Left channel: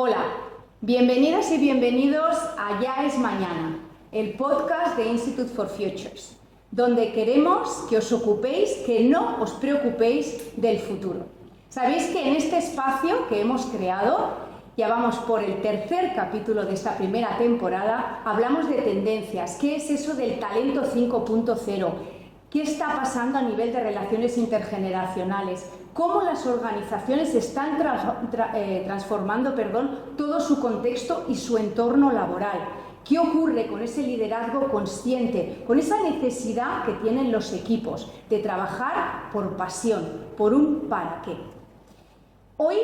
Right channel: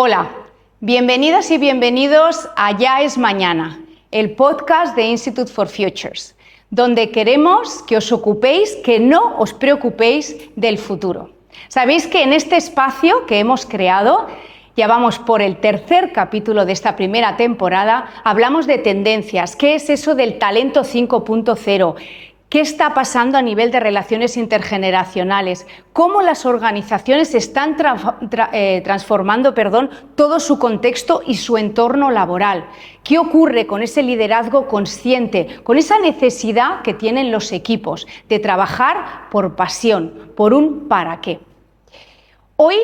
Hola, bienvenidas y bienvenidos a Ya es Mañana, el podcast de Institute for Futures, donde queremos que os ocupéis, que no os preocupéis del futuro. Sabéis que en este espacio que hemos creado, ya vamos por el tercer capítulo de esta primera temporada, hablamos de tendencias. ¿Qué es eso del talento 5.0? ¿Qué está pasando a nivel de relaciones intergeneracionales? ¿Cómo las organizaciones están transformando todo su contexto y su entorno laboral? ¿Qué ocurre con ese liderazgo consciente, con esa necesidad que tienen los equipos de trabajar por pasión, por un para qué? Hoy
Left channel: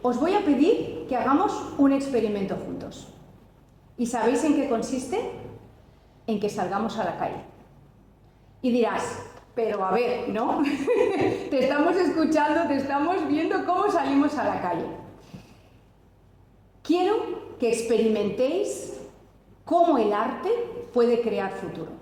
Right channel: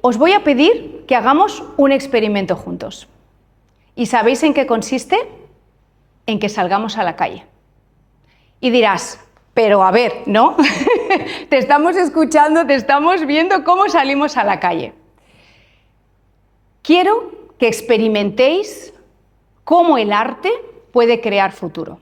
os voy a pedir que hagamos un experimento juntos. ¿Y sabéis en qué consiste? En que salgamos a la calle. Y dirás, pero a ver, ¿no? Te estamos escuchando, te estamos viendo cómo salimos a la calle. Quiero que experimentéis cómo el arte puede crear futuro.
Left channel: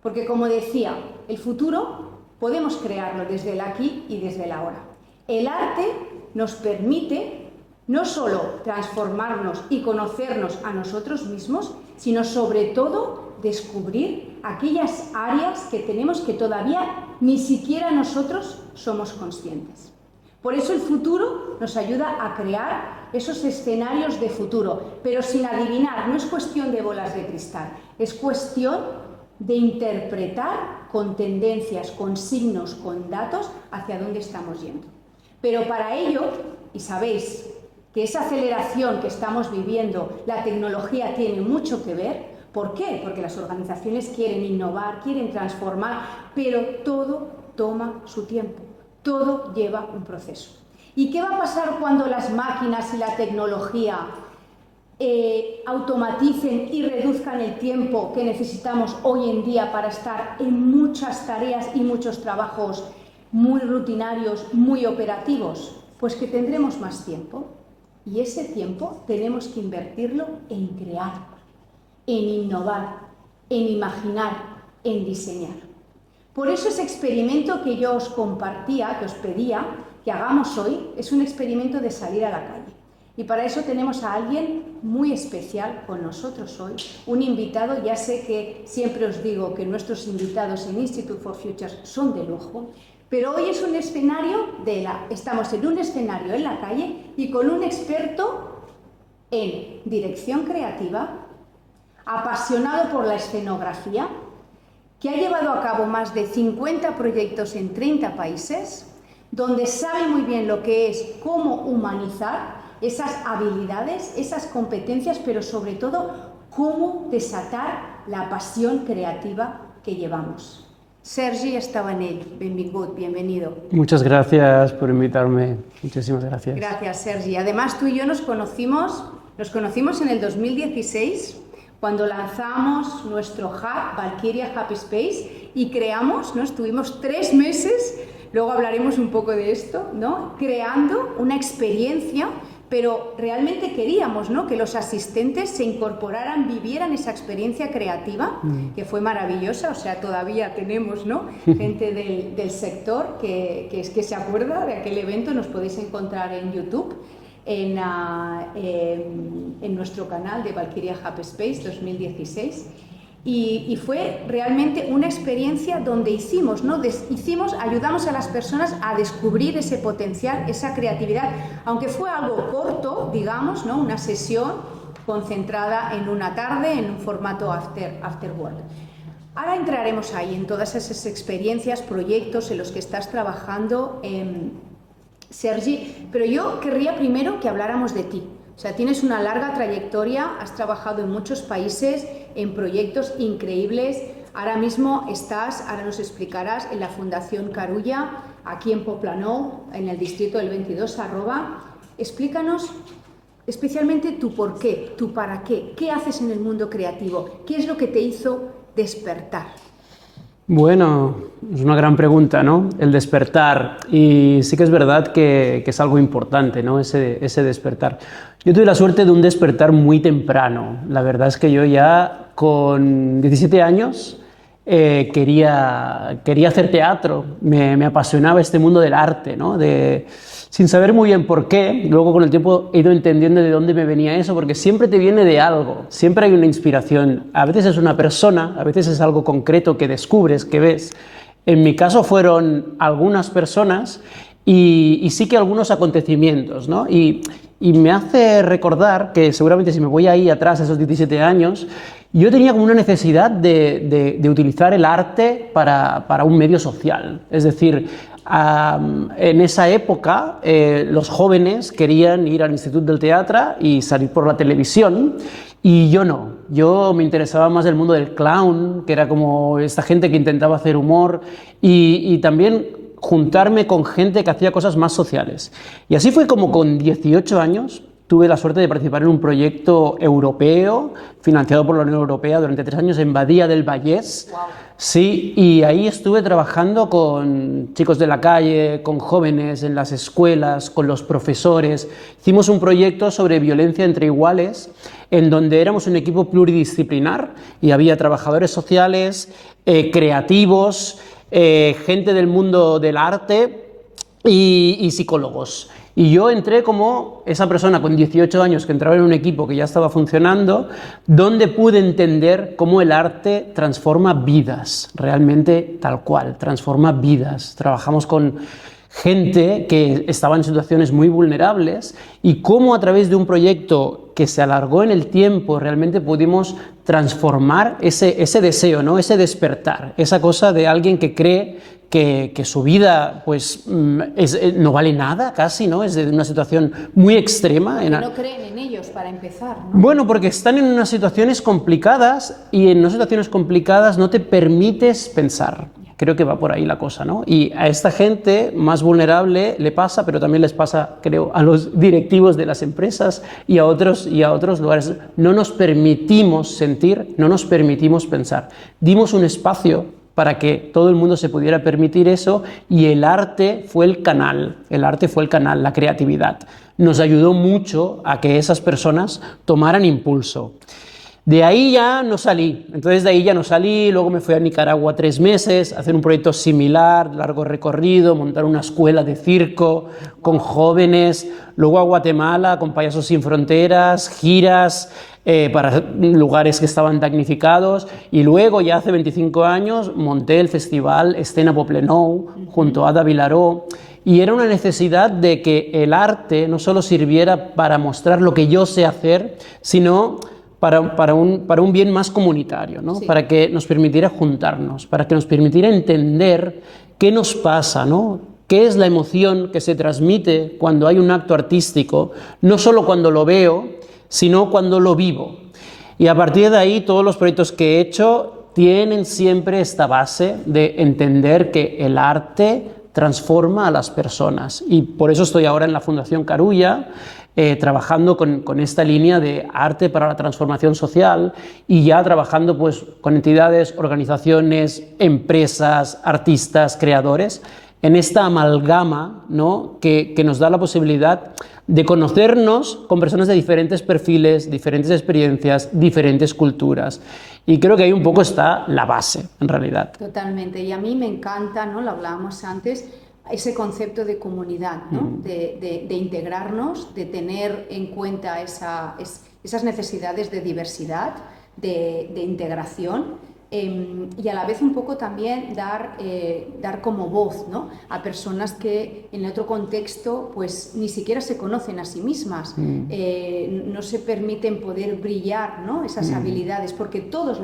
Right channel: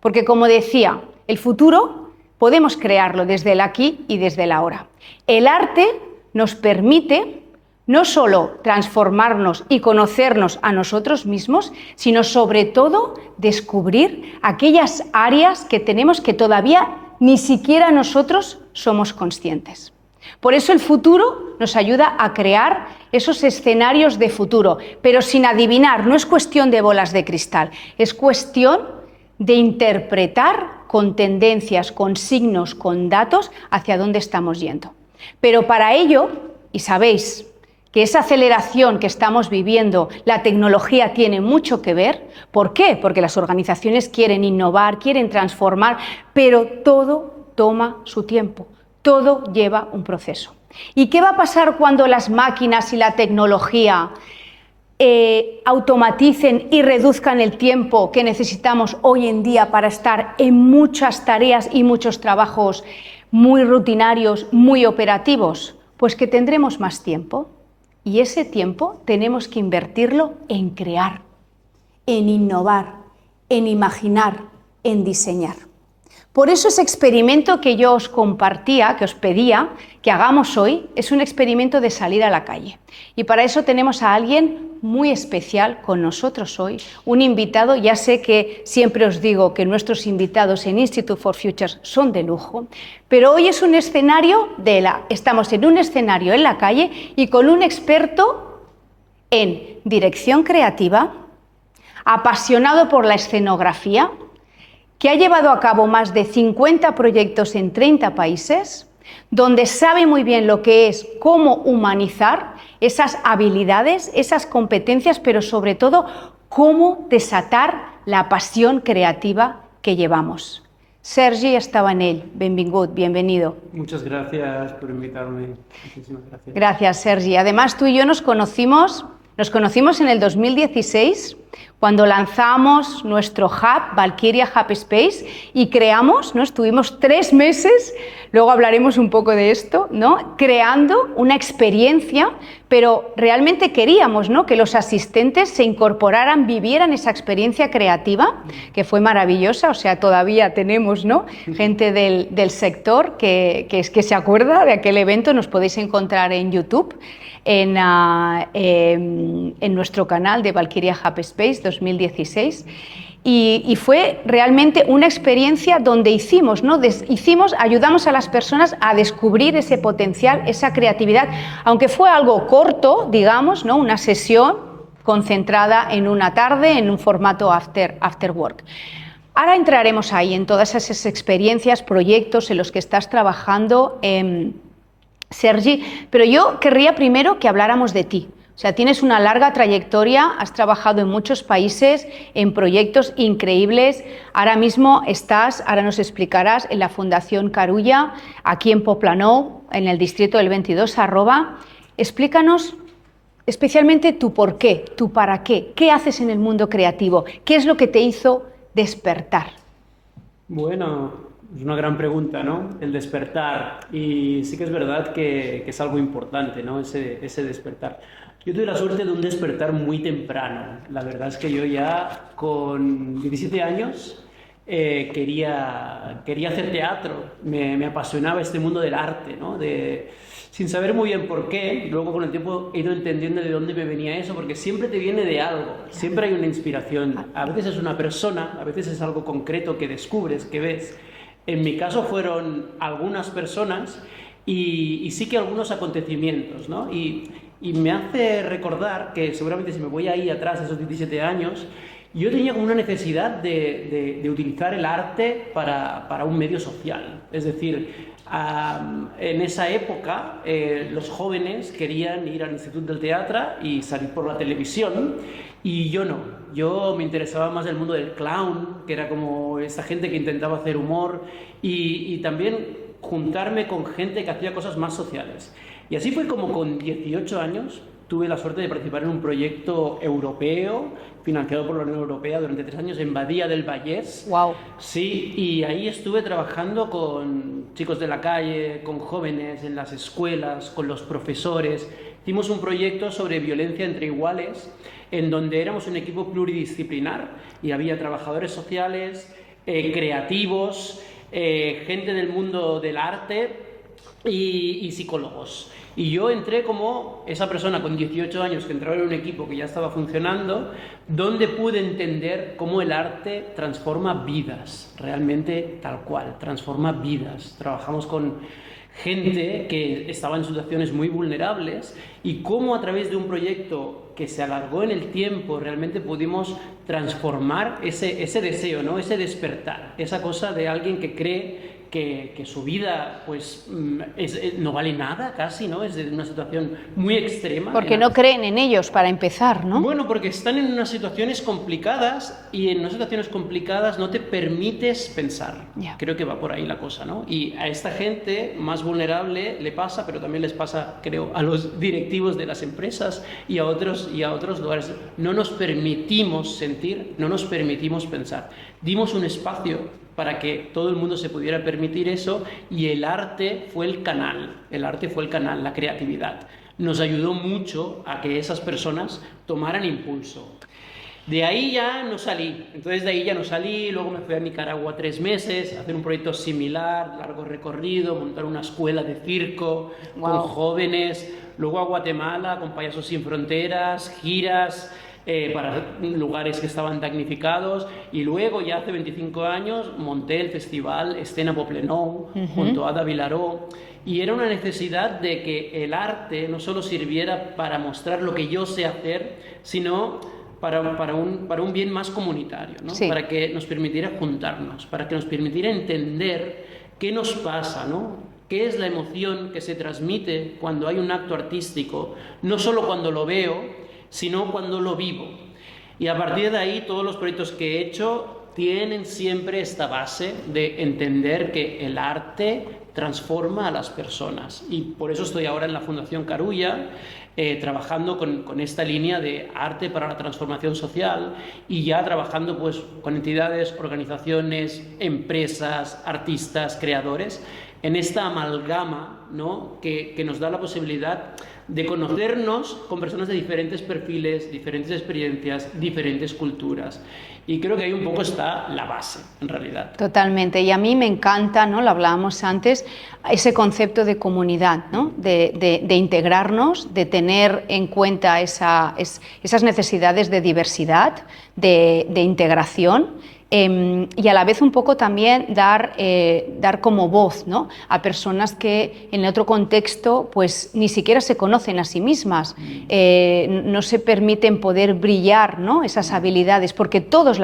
Porque como decía, el futuro podemos crearlo desde el aquí y desde el ahora. El arte nos permite no solo transformarnos y conocernos a nosotros mismos, sino sobre todo descubrir aquellas áreas que tenemos que todavía ni siquiera nosotros somos conscientes. Por eso el futuro nos ayuda a crear esos escenarios de futuro, pero sin adivinar, no es cuestión de bolas de cristal, es cuestión de interpretar con tendencias, con signos, con datos hacia dónde estamos yendo. Pero para ello, y sabéis que esa aceleración que estamos viviendo, la tecnología tiene mucho que ver. ¿Por qué? Porque las organizaciones quieren innovar, quieren transformar, pero todo toma su tiempo, todo lleva un proceso. ¿Y qué va a pasar cuando las máquinas y la tecnología automaticen y reduzcan el tiempo que necesitamos hoy en día para estar en muchas tareas y muchos trabajos muy rutinarios, muy operativos? Pues que tendremos más tiempo. Y ese tiempo tenemos que invertirlo en crear, en innovar, en imaginar, en diseñar. Por eso ese experimento que yo os compartía, que os pedía que hagamos hoy, es un experimento de salir a la calle. Y para eso tenemos a alguien muy especial con nosotros hoy, un invitado. Ya sé que siempre os digo que nuestros invitados en Institute for Futures son de lujo, pero hoy es un escenario estamos en un escenario en la calle y con un experto en dirección creativa, apasionado por la escenografía, que ha llevado a cabo más de 50 proyectos en 30 países, donde sabe muy bien lo que es cómo humanizar esas habilidades, esas competencias, pero sobre todo cómo desatar la pasión creativa que llevamos. Sergi Estabanell, benvingut, bienvenido. Muchas gracias por invitarme, muchísimas gracias. Gracias, Sergi. Además, tú y yo nos conocimos en el 2016, cuando lanzamos nuestro hub, Valkyria Hub Space, y creamos, ¿no? Estuvimos 3 meses, luego hablaremos un poco de esto, ¿no? Creando una experiencia, pero realmente queríamos, ¿no? Que los asistentes se incorporaran, vivieran esa experiencia creativa, que fue maravillosa. O sea, todavía tenemos, ¿no? Gente del sector que se acuerda de aquel evento. Nos podéis encontrar en YouTube, en nuestro canal de Valkyria Hub Space 2016, y fue realmente una experiencia donde ayudamos a las personas a descubrir ese potencial, esa creatividad, aunque fue algo corto, digamos, ¿no? Una sesión concentrada en una tarde, en un formato after work. Ahora entraremos ahí en todas esas experiencias, proyectos en los que estás trabajando, Sergi, pero yo querría primero que habláramos de ti. O sea, tienes una larga trayectoria, has trabajado en muchos países, en proyectos increíbles. Ahora mismo ahora nos explicarás, en la Fundación Carulla, aquí en Poblenou, en el distrito del 22, @. Explícanos especialmente tu por qué, tu para qué haces en el mundo creativo, qué es lo que te hizo despertar. Bueno, es una gran pregunta, ¿no? El despertar. Y sí que es verdad que es algo importante, ¿no? Ese despertar. Yo tuve la suerte de un despertar muy temprano. La verdad es que yo ya con 17 años quería hacer teatro. Me apasionaba este mundo del arte, ¿no? sin saber muy bien por qué. Luego con el tiempo he ido entendiendo de dónde me venía eso, porque siempre te viene de algo, siempre hay una inspiración. A veces es una persona, a veces es algo concreto que descubres, que ves. En mi caso fueron algunas personas y sí que algunos acontecimientos, ¿no? Y me hace recordar que seguramente si me voy ahí atrás, a esos 17 años, yo tenía como una necesidad de utilizar el arte para un medio social. Es decir, en esa época los jóvenes querían ir al Institut del Teatre y salir por la televisión, y yo no. Yo me interesaba más el mundo del clown, que era como esta gente que intentaba hacer humor, y también juntarme con gente que hacía cosas más sociales. Y así fue como con 18 años tuve la suerte de participar en un proyecto europeo financiado por la Unión Europea durante 3 años en Badía del Vallès. Wow. Sí, y ahí estuve trabajando con chicos de la calle, con jóvenes en las escuelas, con los profesores. Hicimos un proyecto sobre violencia entre iguales, en donde éramos un equipo pluridisciplinar y había trabajadores sociales, creativos, gente del mundo del arte y psicólogos. Y yo entré como esa persona con 18 años que entraba en un equipo que ya estaba funcionando, donde pude entender cómo el arte transforma vidas, realmente tal cual, transforma vidas. Trabajamos con gente que estaba en situaciones muy vulnerables y cómo a través de un proyecto que se alargó en el tiempo realmente pudimos transformar ese deseo, ¿no? Ese despertar, esa cosa de alguien que cree que su vida pues no vale nada casi, ¿no? Es de una situación muy extrema. Porque no creen en ellos, para empezar, ¿no? Bueno, porque están en unas situaciones complicadas y en unas situaciones complicadas no te permites pensar. Yeah. Creo que va por ahí la cosa, ¿no? Y a esta gente más vulnerable le pasa, pero también les pasa, creo, a los directivos de las empresas y a otros lugares. No nos permitimos sentir, no nos permitimos pensar. Dimos un espacio para que todo el mundo se pudiera permitir eso, y el arte fue el canal, la creatividad. Nos ayudó mucho a que esas personas tomaran impulso. De ahí ya no salí, luego me fui a Nicaragua 3 meses, a hacer un proyecto similar, largo recorrido, montar una escuela de circo con jóvenes, luego a Guatemala con Payasos Sin Fronteras, giras, para lugares que estaban damnificados, y luego ya hace 25 años monté el festival Escena Poblenou junto a Ada Vilaró, y era una necesidad de que el arte no solo sirviera para mostrar lo que yo sé hacer, sino para un bien más comunitario, ¿no? Sí. Para que nos permitiera juntarnos, para que nos permitiera entender qué nos pasa, ¿no? ¿Qué es la emoción que se transmite cuando hay un acto artístico? No solo cuando lo veo, sino cuando lo vivo. Y a partir de ahí todos los proyectos que he hecho tienen siempre esta base de entender que el arte transforma a las personas, y por eso estoy ahora en la Fundación Carulla, trabajando con esta línea de arte para la transformación social, y ya trabajando pues con entidades, organizaciones, empresas, artistas, creadores, en esta amalgama, ¿no? que nos da la posibilidad de conocernos con personas de diferentes perfiles, diferentes experiencias, diferentes culturas. Y creo que ahí un poco está la base, en realidad. Totalmente. Y a mí me encanta, ¿no? Lo hablábamos antes, ese concepto de comunidad, ¿no? De integrarnos, de tener en cuenta esas necesidades de diversidad, de integración. Y a la vez un poco también dar como voz, ¿no? A personas que en otro contexto pues ni siquiera se conocen a sí mismas, no se permiten poder brillar, ¿no? Esas habilidades, porque todos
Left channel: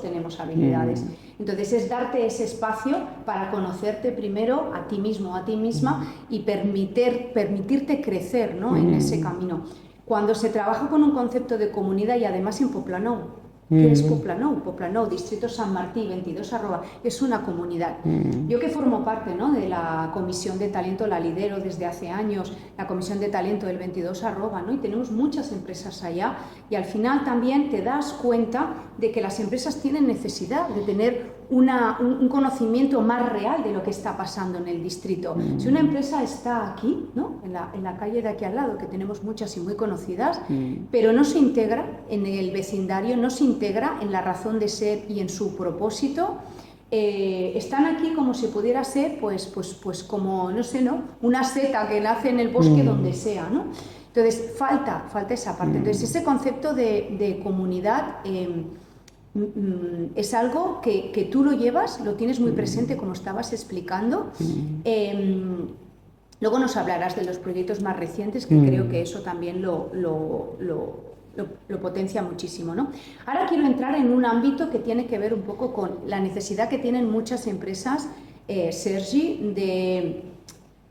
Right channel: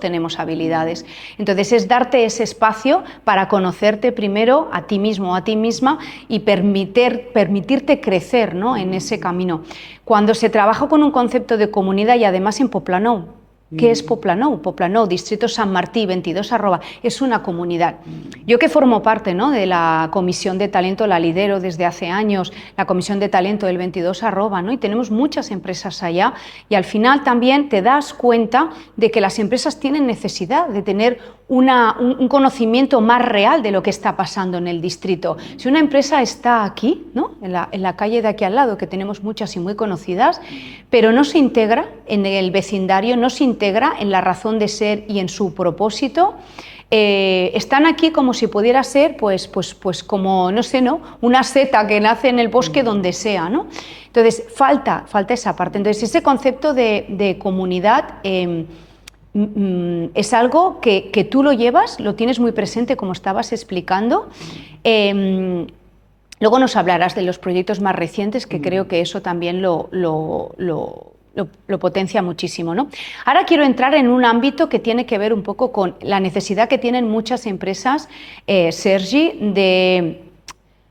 tenemos habilidades. Entonces es darte ese espacio para conocerte primero a ti mismo, a ti misma, y permitirte crecer, ¿no? En ese camino. Cuando se trabaja con un concepto de comunidad, y además en Poblenou, ¿qué es Poblenou? Poblenou, Distrito Sant Martí, 22 @ es una comunidad. Yo que formo parte, ¿no? de la Comisión de Talento, la lidero desde hace años, la Comisión de Talento del 22 @ ¿no? Y tenemos muchas empresas allá, y al final también te das cuenta de que las empresas tienen necesidad de tener un conocimiento más real de lo que está pasando en el distrito. Si una empresa está aquí, ¿no? en la calle de aquí al lado, que tenemos muchas y muy conocidas, pero no se integra en el vecindario, no se integra en la razón de ser y en su propósito, están aquí como si pudiera ser, pues como, no sé, ¿no? Una seta que nace en el bosque donde sea, ¿no? Entonces, falta esa parte. Entonces, ese concepto de comunidad es algo que tú lo llevas, lo tienes muy presente, como estabas explicando. Luego nos hablarás de los proyectos más recientes, que creo que eso también lo potencia muchísimo, ¿no? Ahora quiero entrar en un ámbito que tiene que ver un poco con la necesidad que tienen muchas empresas, Sergi,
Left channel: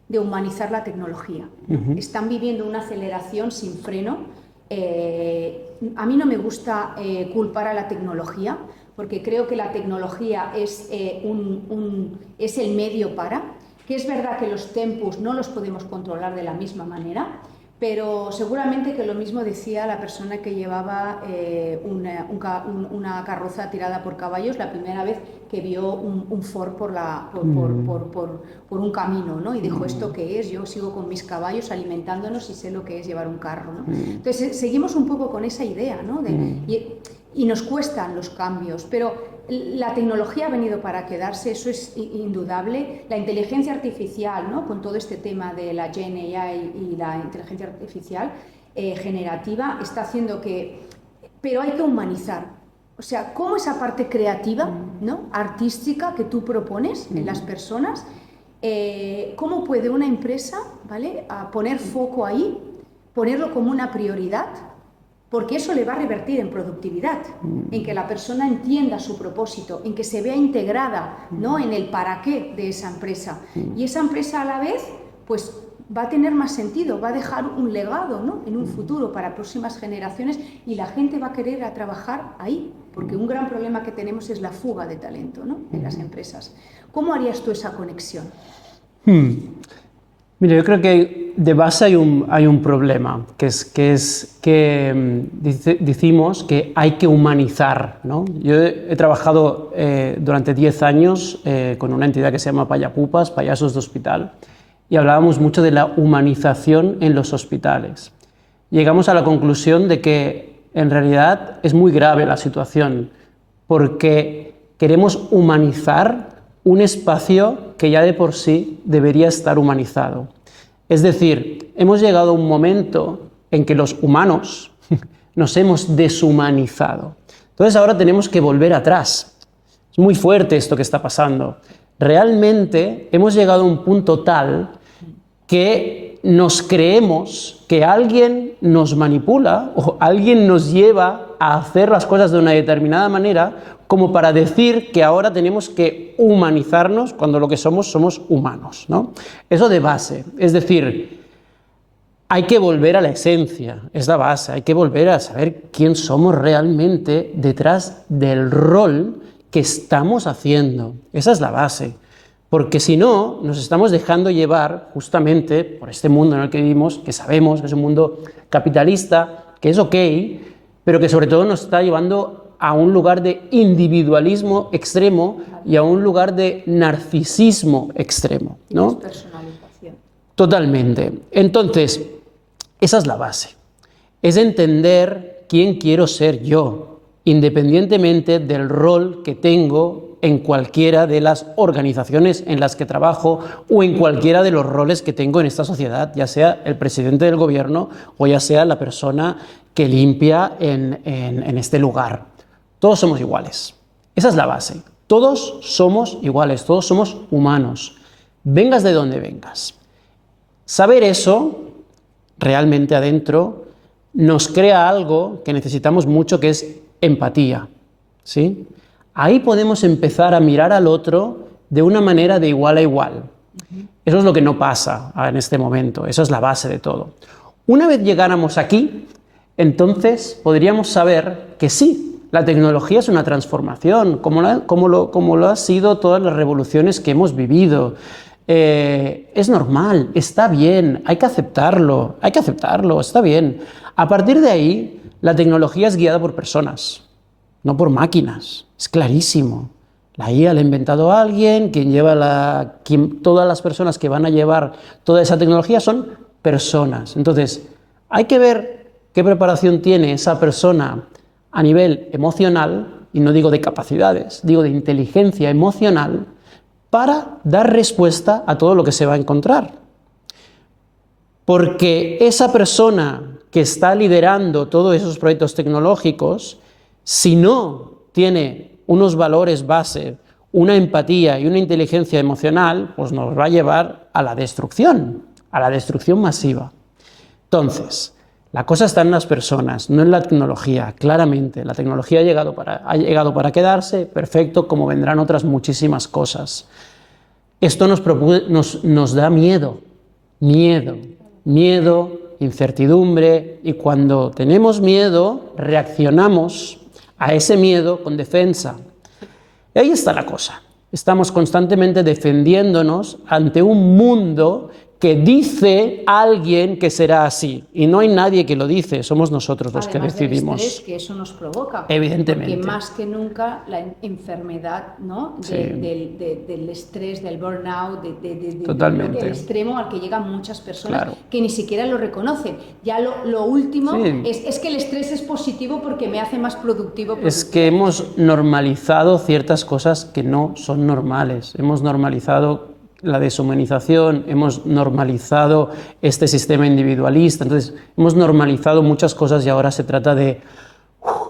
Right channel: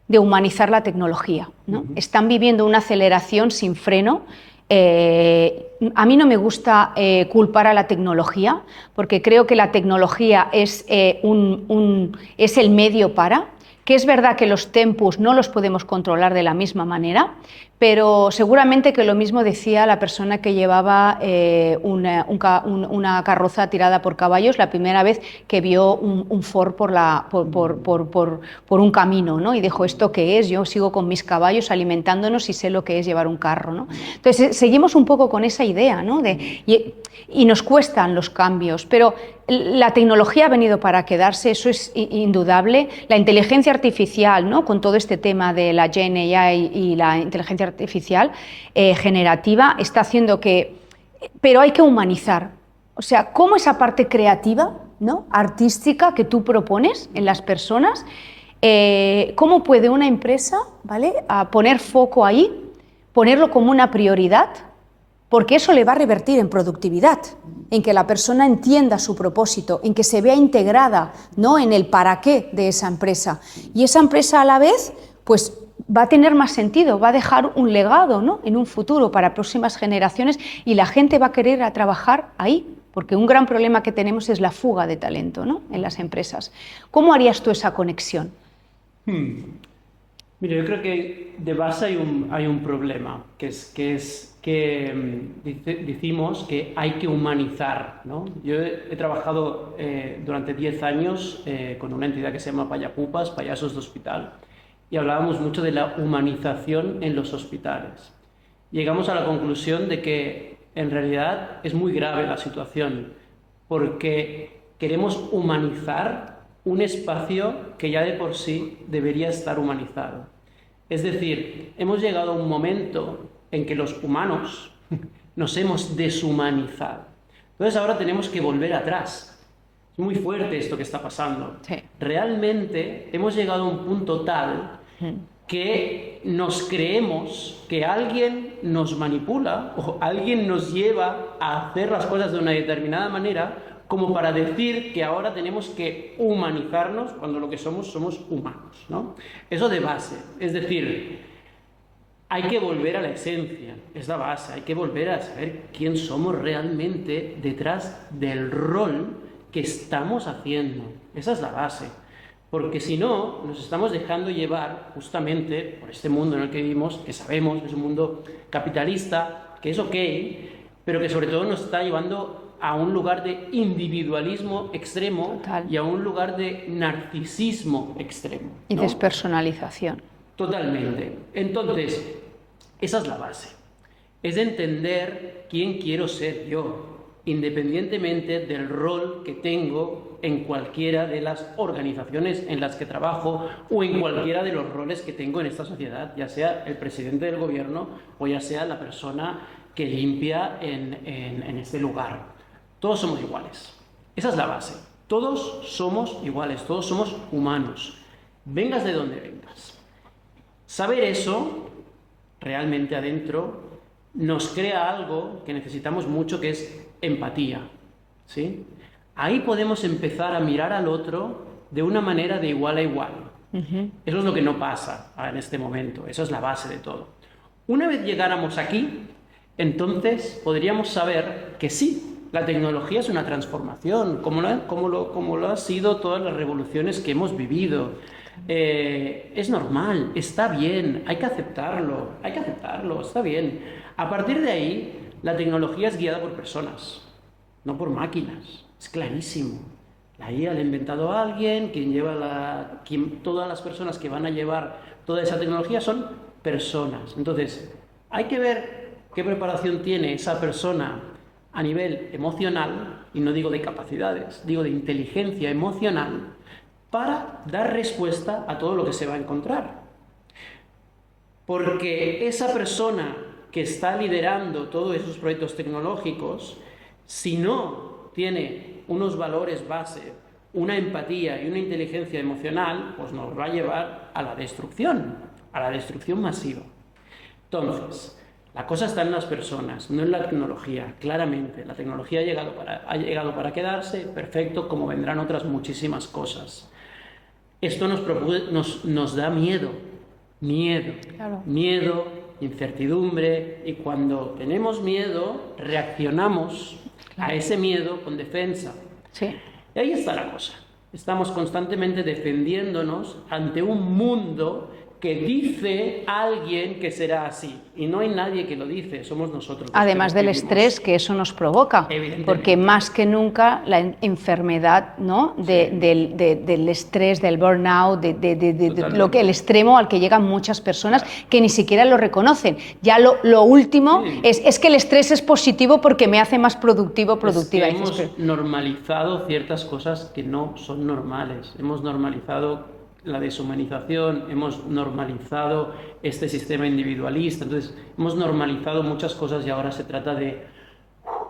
de humanizar la tecnología, ¿no? Están viviendo una aceleración sin freno. A mí no me gusta culpar a la tecnología, porque creo que la tecnología es el medio para, que es verdad que los tempos no los podemos controlar de la misma manera, pero seguramente que lo mismo decía la persona que llevaba una carroza tirada por caballos la primera vez que vio un Ford por un camino, ¿no? Y dijo, ¿esto qué es? Yo sigo con mis caballos alimentándonos y sé lo que es llevar un carro, ¿no? Entonces seguimos un poco con esa idea, ¿no? Y nos cuestan los cambios, pero la tecnología ha venido para quedarse, eso es indudable. La inteligencia artificial, ¿no? Con todo este tema de la Gen AI y la inteligencia artificial generativa, está haciendo que... Pero hay que humanizar. O sea, cómo esa parte creativa, ¿no? Artística que tú propones en las personas, cómo puede una empresa, ¿vale?, a poner foco ahí, ponerlo como una prioridad, porque eso le va a revertir en productividad, en que la persona entienda su propósito, en que se vea integrada, ¿no?, en el para qué de esa empresa. Y esa empresa a la vez, pues va a tener más sentido, va a dejar un legado, ¿no?, en un futuro para próximas generaciones, y la gente va a querer a trabajar ahí, porque un gran problema que tenemos es la fuga de talento, ¿no?, en las empresas. ¿Cómo harías tú esa conexión? Mira, yo creo que de base hay un problema, que decimos que hay que humanizar, ¿no? Yo he trabajado durante 10 años con una entidad que se llama Payapupas, Payasos de Hospital, y hablábamos mucho de la humanización en los hospitales. Llegamos a la conclusión de que en realidad es muy grave la situación, porque queremos humanizar un espacio que ya de por sí debería estar humanizado. Es decir, hemos llegado a un momento en que los humanos nos hemos deshumanizado. Entonces ahora tenemos que volver atrás. Es muy fuerte esto que está pasando. Sí. Realmente hemos llegado a un punto tal que nos creemos que alguien nos manipula o alguien nos lleva a hacer las cosas de una determinada manera, como para decir que ahora tenemos que humanizarnos cuando lo que somos humanos, ¿no? Eso de base. Es decir, hay que volver a la esencia, es la base. Hay que volver a saber quién somos realmente detrás del rol que estamos haciendo. Esa es la base. Porque si no, nos estamos dejando llevar justamente por este mundo en el que vivimos, que sabemos que es un mundo capitalista, que es ok, pero que sobre todo nos está llevando a un lugar de individualismo extremo. Total. Y a un lugar de narcisismo extremo, ¿no? Y despersonalización. Totalmente. Entonces, esa es la base. Es entender quién quiero ser yo, independientemente del rol que tengo en cualquiera de las organizaciones en las que trabajo o en cualquiera de los roles que tengo en esta sociedad, ya sea el presidente del gobierno o ya sea la persona que limpia en este lugar. Todos somos iguales. Esa es la base. Todos somos iguales, todos somos humanos. Vengas de donde vengas. Saber eso, realmente adentro, nos crea algo que necesitamos mucho, que es empatía, ¿sí? Ahí podemos empezar a mirar al otro de una manera de igual a igual. Eso es lo que no pasa en este momento. Eso es la base de todo. Una vez llegáramos aquí, entonces podríamos saber que sí, la tecnología es una transformación, como lo ha sido todas las revoluciones que hemos vivido. Es normal, está bien, hay que aceptarlo, está bien. A partir de ahí, la tecnología es guiada por personas, no por máquinas, es clarísimo. La IA la ha inventado alguien, todas las personas que van a llevar toda esa tecnología son personas. Entonces, hay que ver qué preparación tiene esa persona a nivel emocional y no digo de capacidades, digo de inteligencia emocional, para dar respuesta a todo lo que se va a encontrar. Porque esa persona que está liderando todos esos proyectos tecnológicos, si no tiene unos valores base, una empatía y una inteligencia emocional, pues nos va a llevar a la destrucción masiva. Entonces, la cosa está en las personas, no en la tecnología, claramente. La tecnología ha llegado para quedarse, perfecto, como vendrán otras muchísimas cosas. Esto nos da miedo, Claro. miedo, incertidumbre, y cuando tenemos miedo, reaccionamos a ese miedo con defensa. Sí. Y ahí está la cosa. Estamos constantemente defendiéndonos ante un mundo que dice a alguien que será así. Y no hay nadie que lo dice, somos nosotros los Además que del decidimos. estrés que eso nos provoca. Evidentemente. Porque más que nunca la enfermedad, ¿no? Del estrés, del burnout, de el extremo al que llegan muchas personas, Claro. que ni siquiera lo reconocen. Ya lo último Sí. es que el estrés es positivo porque me hace más productivo. Es que hemos normalizado ciertas cosas que no son normales. Hemos normalizado la deshumanización, hemos normalizado este sistema individualista, entonces hemos normalizado muchas cosas y ahora se trata de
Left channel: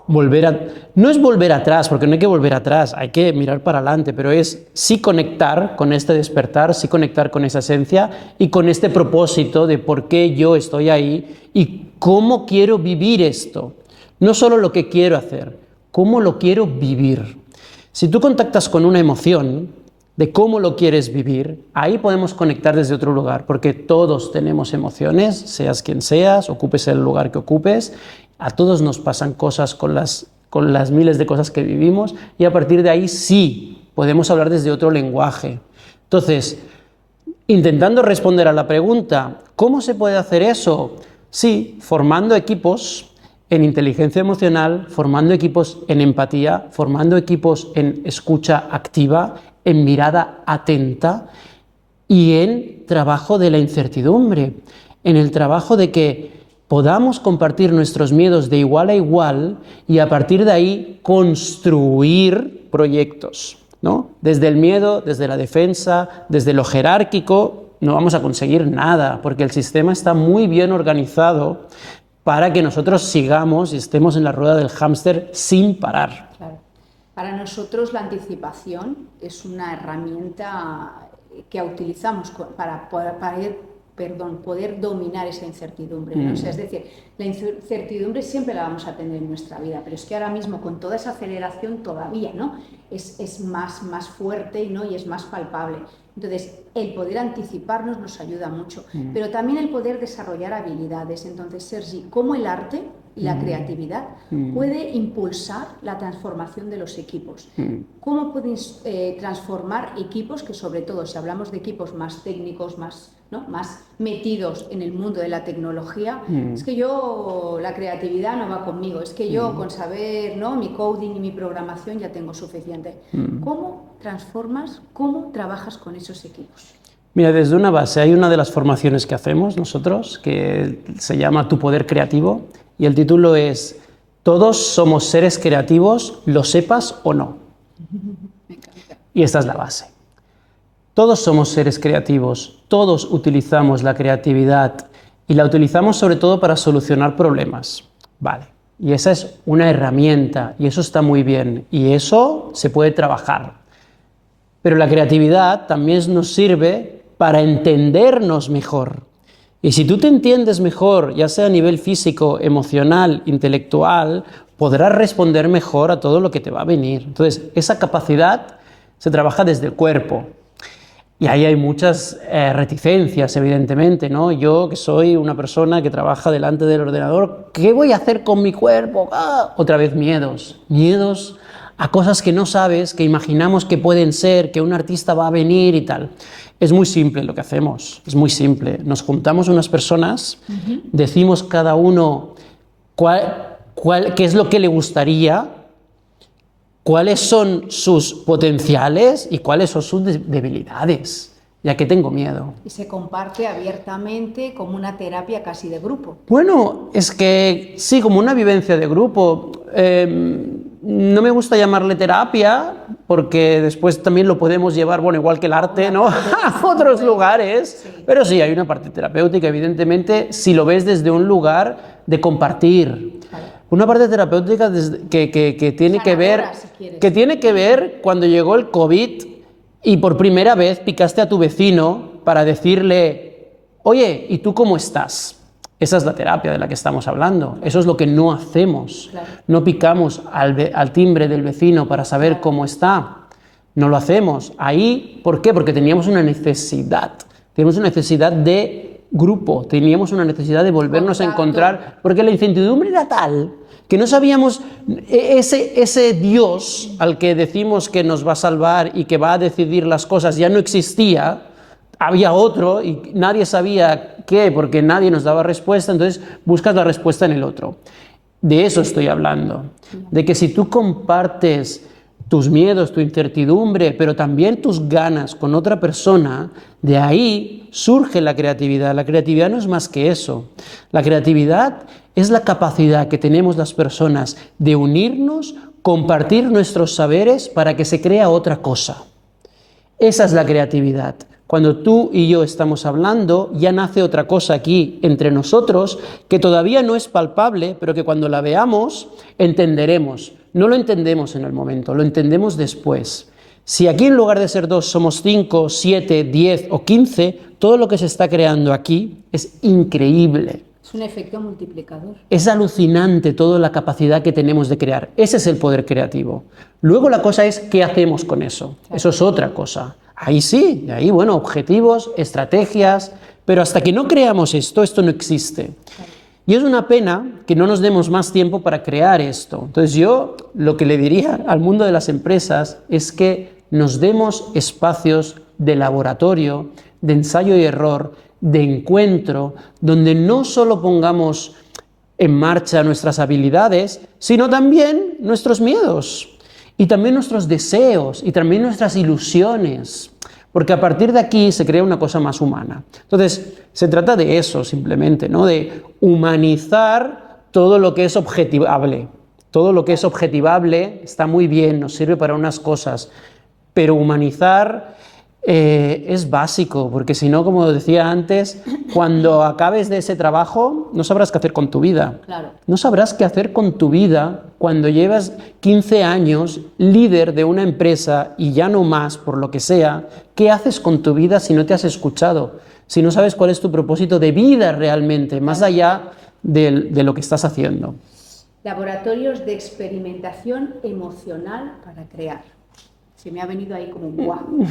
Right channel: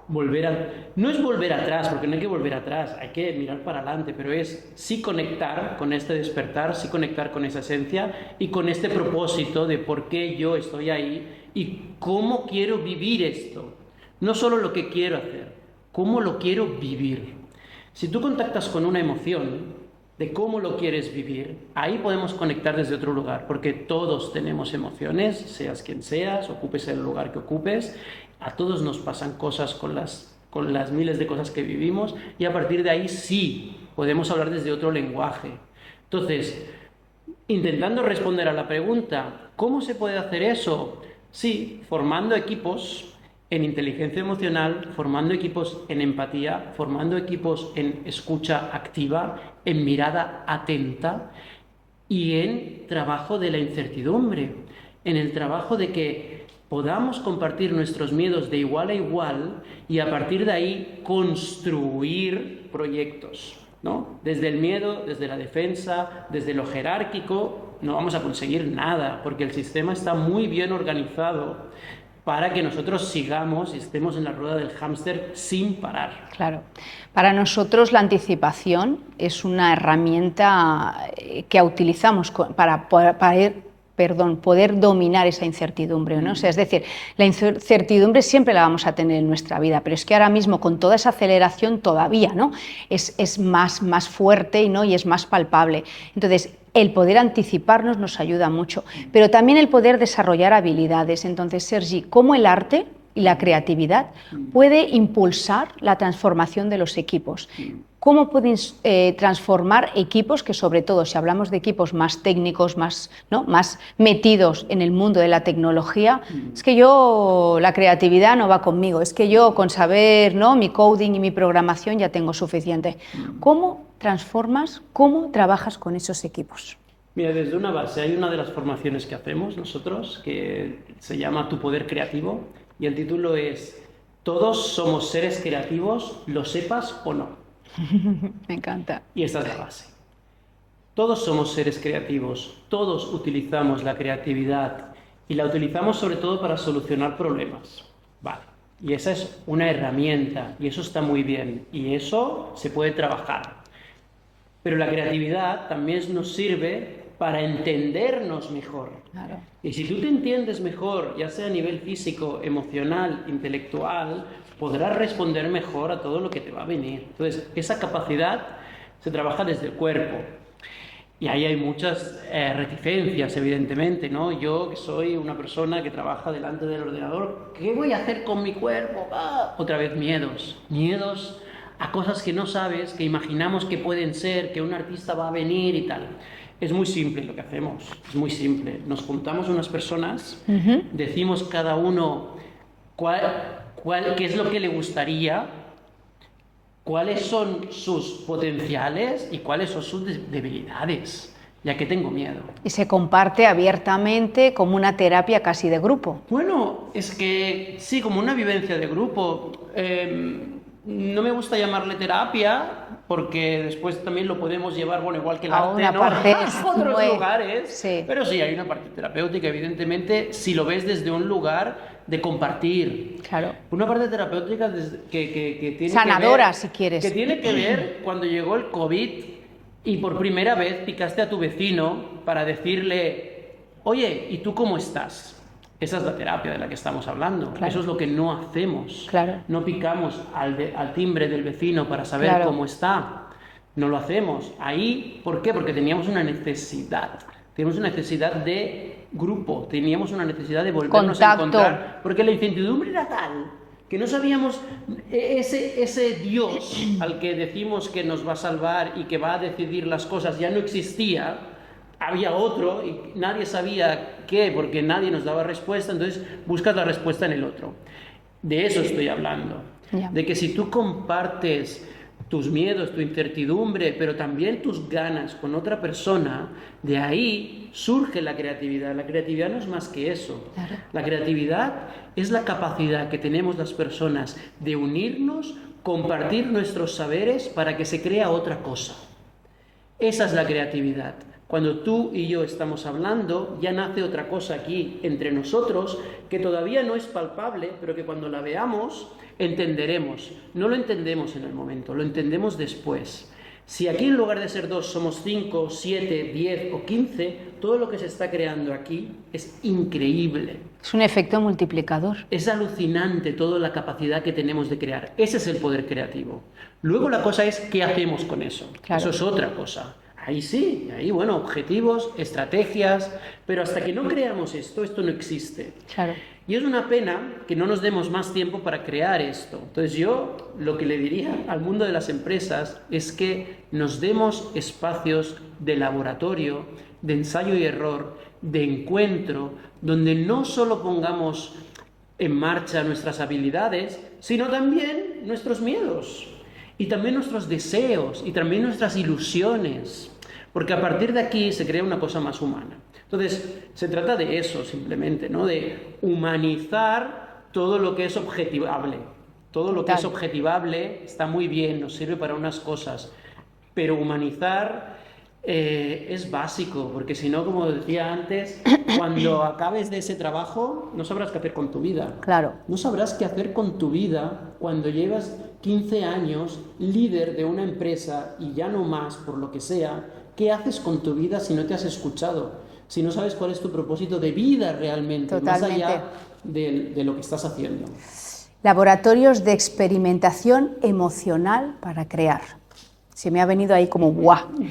volver a... No es volver atrás, porque no hay que volver atrás, hay que mirar para adelante, pero es sí conectar con este despertar, sí conectar con esa esencia y con este propósito de por qué yo estoy ahí y cómo quiero vivir esto. No solo lo que quiero hacer, cómo lo quiero vivir. Si tú contactas con una emoción de cómo lo quieres vivir, ahí podemos conectar desde otro lugar, porque todos tenemos emociones, seas quien seas, ocupes el lugar que ocupes, a todos nos pasan cosas con las miles de cosas que vivimos, y a partir de ahí sí podemos hablar desde otro lenguaje. Entonces, intentando responder a la pregunta, ¿cómo se puede hacer eso? Sí, formando equipos en inteligencia emocional, formando equipos en empatía, formando equipos en escucha activa, en mirada atenta y en trabajo de la incertidumbre, en el trabajo de que podamos compartir nuestros miedos de igual a igual y a partir de ahí construir proyectos, ¿no? Desde el miedo, desde la defensa, desde lo jerárquico, no vamos a conseguir nada, porque el sistema está muy bien organizado para que nosotros sigamos y estemos en la rueda del hámster sin parar. Claro. Para nosotros la anticipación es una herramienta que utilizamos para poder dominar esa incertidumbre, ¿no? O sea, es decir, la incertidumbre siempre la vamos a tener en nuestra vida, pero es que ahora mismo con toda esa aceleración todavía, ¿no? es más fuerte, ¿no? Y es más palpable. Entonces, el poder anticiparnos nos ayuda mucho, pero también el poder desarrollar habilidades. Entonces, Sergi, ¿cómo el arte y la creatividad puede impulsar la transformación de los equipos? ¿Cómo pueden transformar equipos que, sobre todo, si hablamos de equipos más técnicos, más metidos en el mundo de la tecnología, es que la creatividad no va conmigo, es que yo con saber, ¿no?, mi coding y mi programación ya tengo suficiente. ¿Cómo transformas, cómo trabajas con esos equipos? Mira, desde una base, hay una de las formaciones que hacemos nosotros que se llama Tu Poder Creativo y el título es Todos somos seres creativos, lo sepas o no. Me encanta. Y esta es la base. Todos somos seres creativos, todos utilizamos la creatividad y la utilizamos sobre todo para solucionar problemas. Vale, y esa es una herramienta y eso está muy bien y eso se puede trabajar. Pero la creatividad también nos sirve para entendernos mejor. Claro. Y si tú te entiendes mejor, ya sea a nivel físico, emocional, intelectual, podrás responder mejor a todo lo que te va a venir. Entonces, esa capacidad se trabaja desde el cuerpo. Y ahí hay muchas reticencias, evidentemente, ¿no? Yo, que soy una persona que trabaja delante del ordenador, ¿qué voy a hacer con mi cuerpo? Otra vez miedos a cosas que no sabes, que imaginamos que pueden ser, que un artista va a venir y tal. Es muy simple lo que hacemos, es muy simple. Nos juntamos unas personas, decimos cada uno qué es lo que le gustaría, cuáles son sus potenciales y cuáles son sus debilidades. ¿Y a qué tengo miedo? Y se comparte abiertamente como una terapia casi de grupo. Bueno, es que sí, como una vivencia de grupo. no me gusta llamarle terapia, porque después también lo podemos llevar, bueno, igual que el arte, ¿no? A otros lugares. Sí. Pero sí, hay una parte terapéutica, evidentemente, si lo ves desde un lugar de compartir. Claro. Una parte terapéutica que tiene sanadora, que ver, si quieres. que tiene que ver cuando llegó el COVID y por primera vez picaste a tu vecino para decirle, oye, ¿y tú cómo estás? Esa es la terapia de la que estamos hablando. Claro. Eso es lo que no hacemos. Claro. No picamos al timbre del vecino para saber claro. cómo está. No lo hacemos. Ahí, ¿por qué? Porque teníamos una necesidad. Teníamos una necesidad de grupo. Teníamos una necesidad de volvernos a encontrar. Porque la incertidumbre era tal que no sabíamos ese Dios al que decimos que nos va a salvar y que va a decidir las cosas ya no existía. Había otro y nadie sabía qué, porque nadie nos daba respuesta, entonces buscas la respuesta en el otro. De eso estoy hablando. De que si tú compartes tus miedos, tu incertidumbre, pero también tus ganas con otra persona, de ahí surge la creatividad. La creatividad no es más que eso. La creatividad es la capacidad que tenemos las personas de unirnos, compartir nuestros saberes para que se crea otra cosa. Esa es la creatividad. Cuando tú y yo estamos hablando, ya nace otra cosa aquí entre nosotros que todavía no es palpable, pero que cuando la veamos entenderemos. No lo entendemos en el momento, lo entendemos después. Si aquí en lugar de ser 2 somos 5, 7, 10 o 15, todo lo que se está creando aquí es increíble. Es un efecto multiplicador. Es alucinante toda la capacidad que tenemos de crear. Ese es el poder creativo. Luego la cosa es qué hacemos con eso. Claro. Eso es otra cosa. Ahí sí, ahí bueno, objetivos, estrategias, pero hasta que no creamos esto no existe. Claro. Y es una pena que no nos demos más tiempo para crear esto. Entonces yo lo que le diría al mundo de las empresas es que nos demos espacios de laboratorio, de ensayo y error, de encuentro, donde no solo pongamos en marcha nuestras habilidades, sino también nuestros miedos. Y también nuestros deseos y también nuestras ilusiones, porque a partir de aquí se crea una cosa más humana. Entonces, se trata de eso simplemente, ¿no? De humanizar todo lo que es objetivable. Todo lo que es objetivable está muy bien, nos sirve para unas cosas, pero humanizar es básico, porque si no, como decía antes, cuando acabes de ese trabajo, no sabrás qué hacer con tu vida. Claro. No sabrás qué hacer con tu vida cuando llevas 15 años líder de una empresa y ya no más, por lo que sea. ¿Qué haces con tu vida si no te has escuchado? Si no sabes cuál es tu propósito de vida realmente, totalmente, más allá de lo que estás haciendo. Laboratorios de experimentación emocional para crear. Se me ha venido ahí como ¡guau!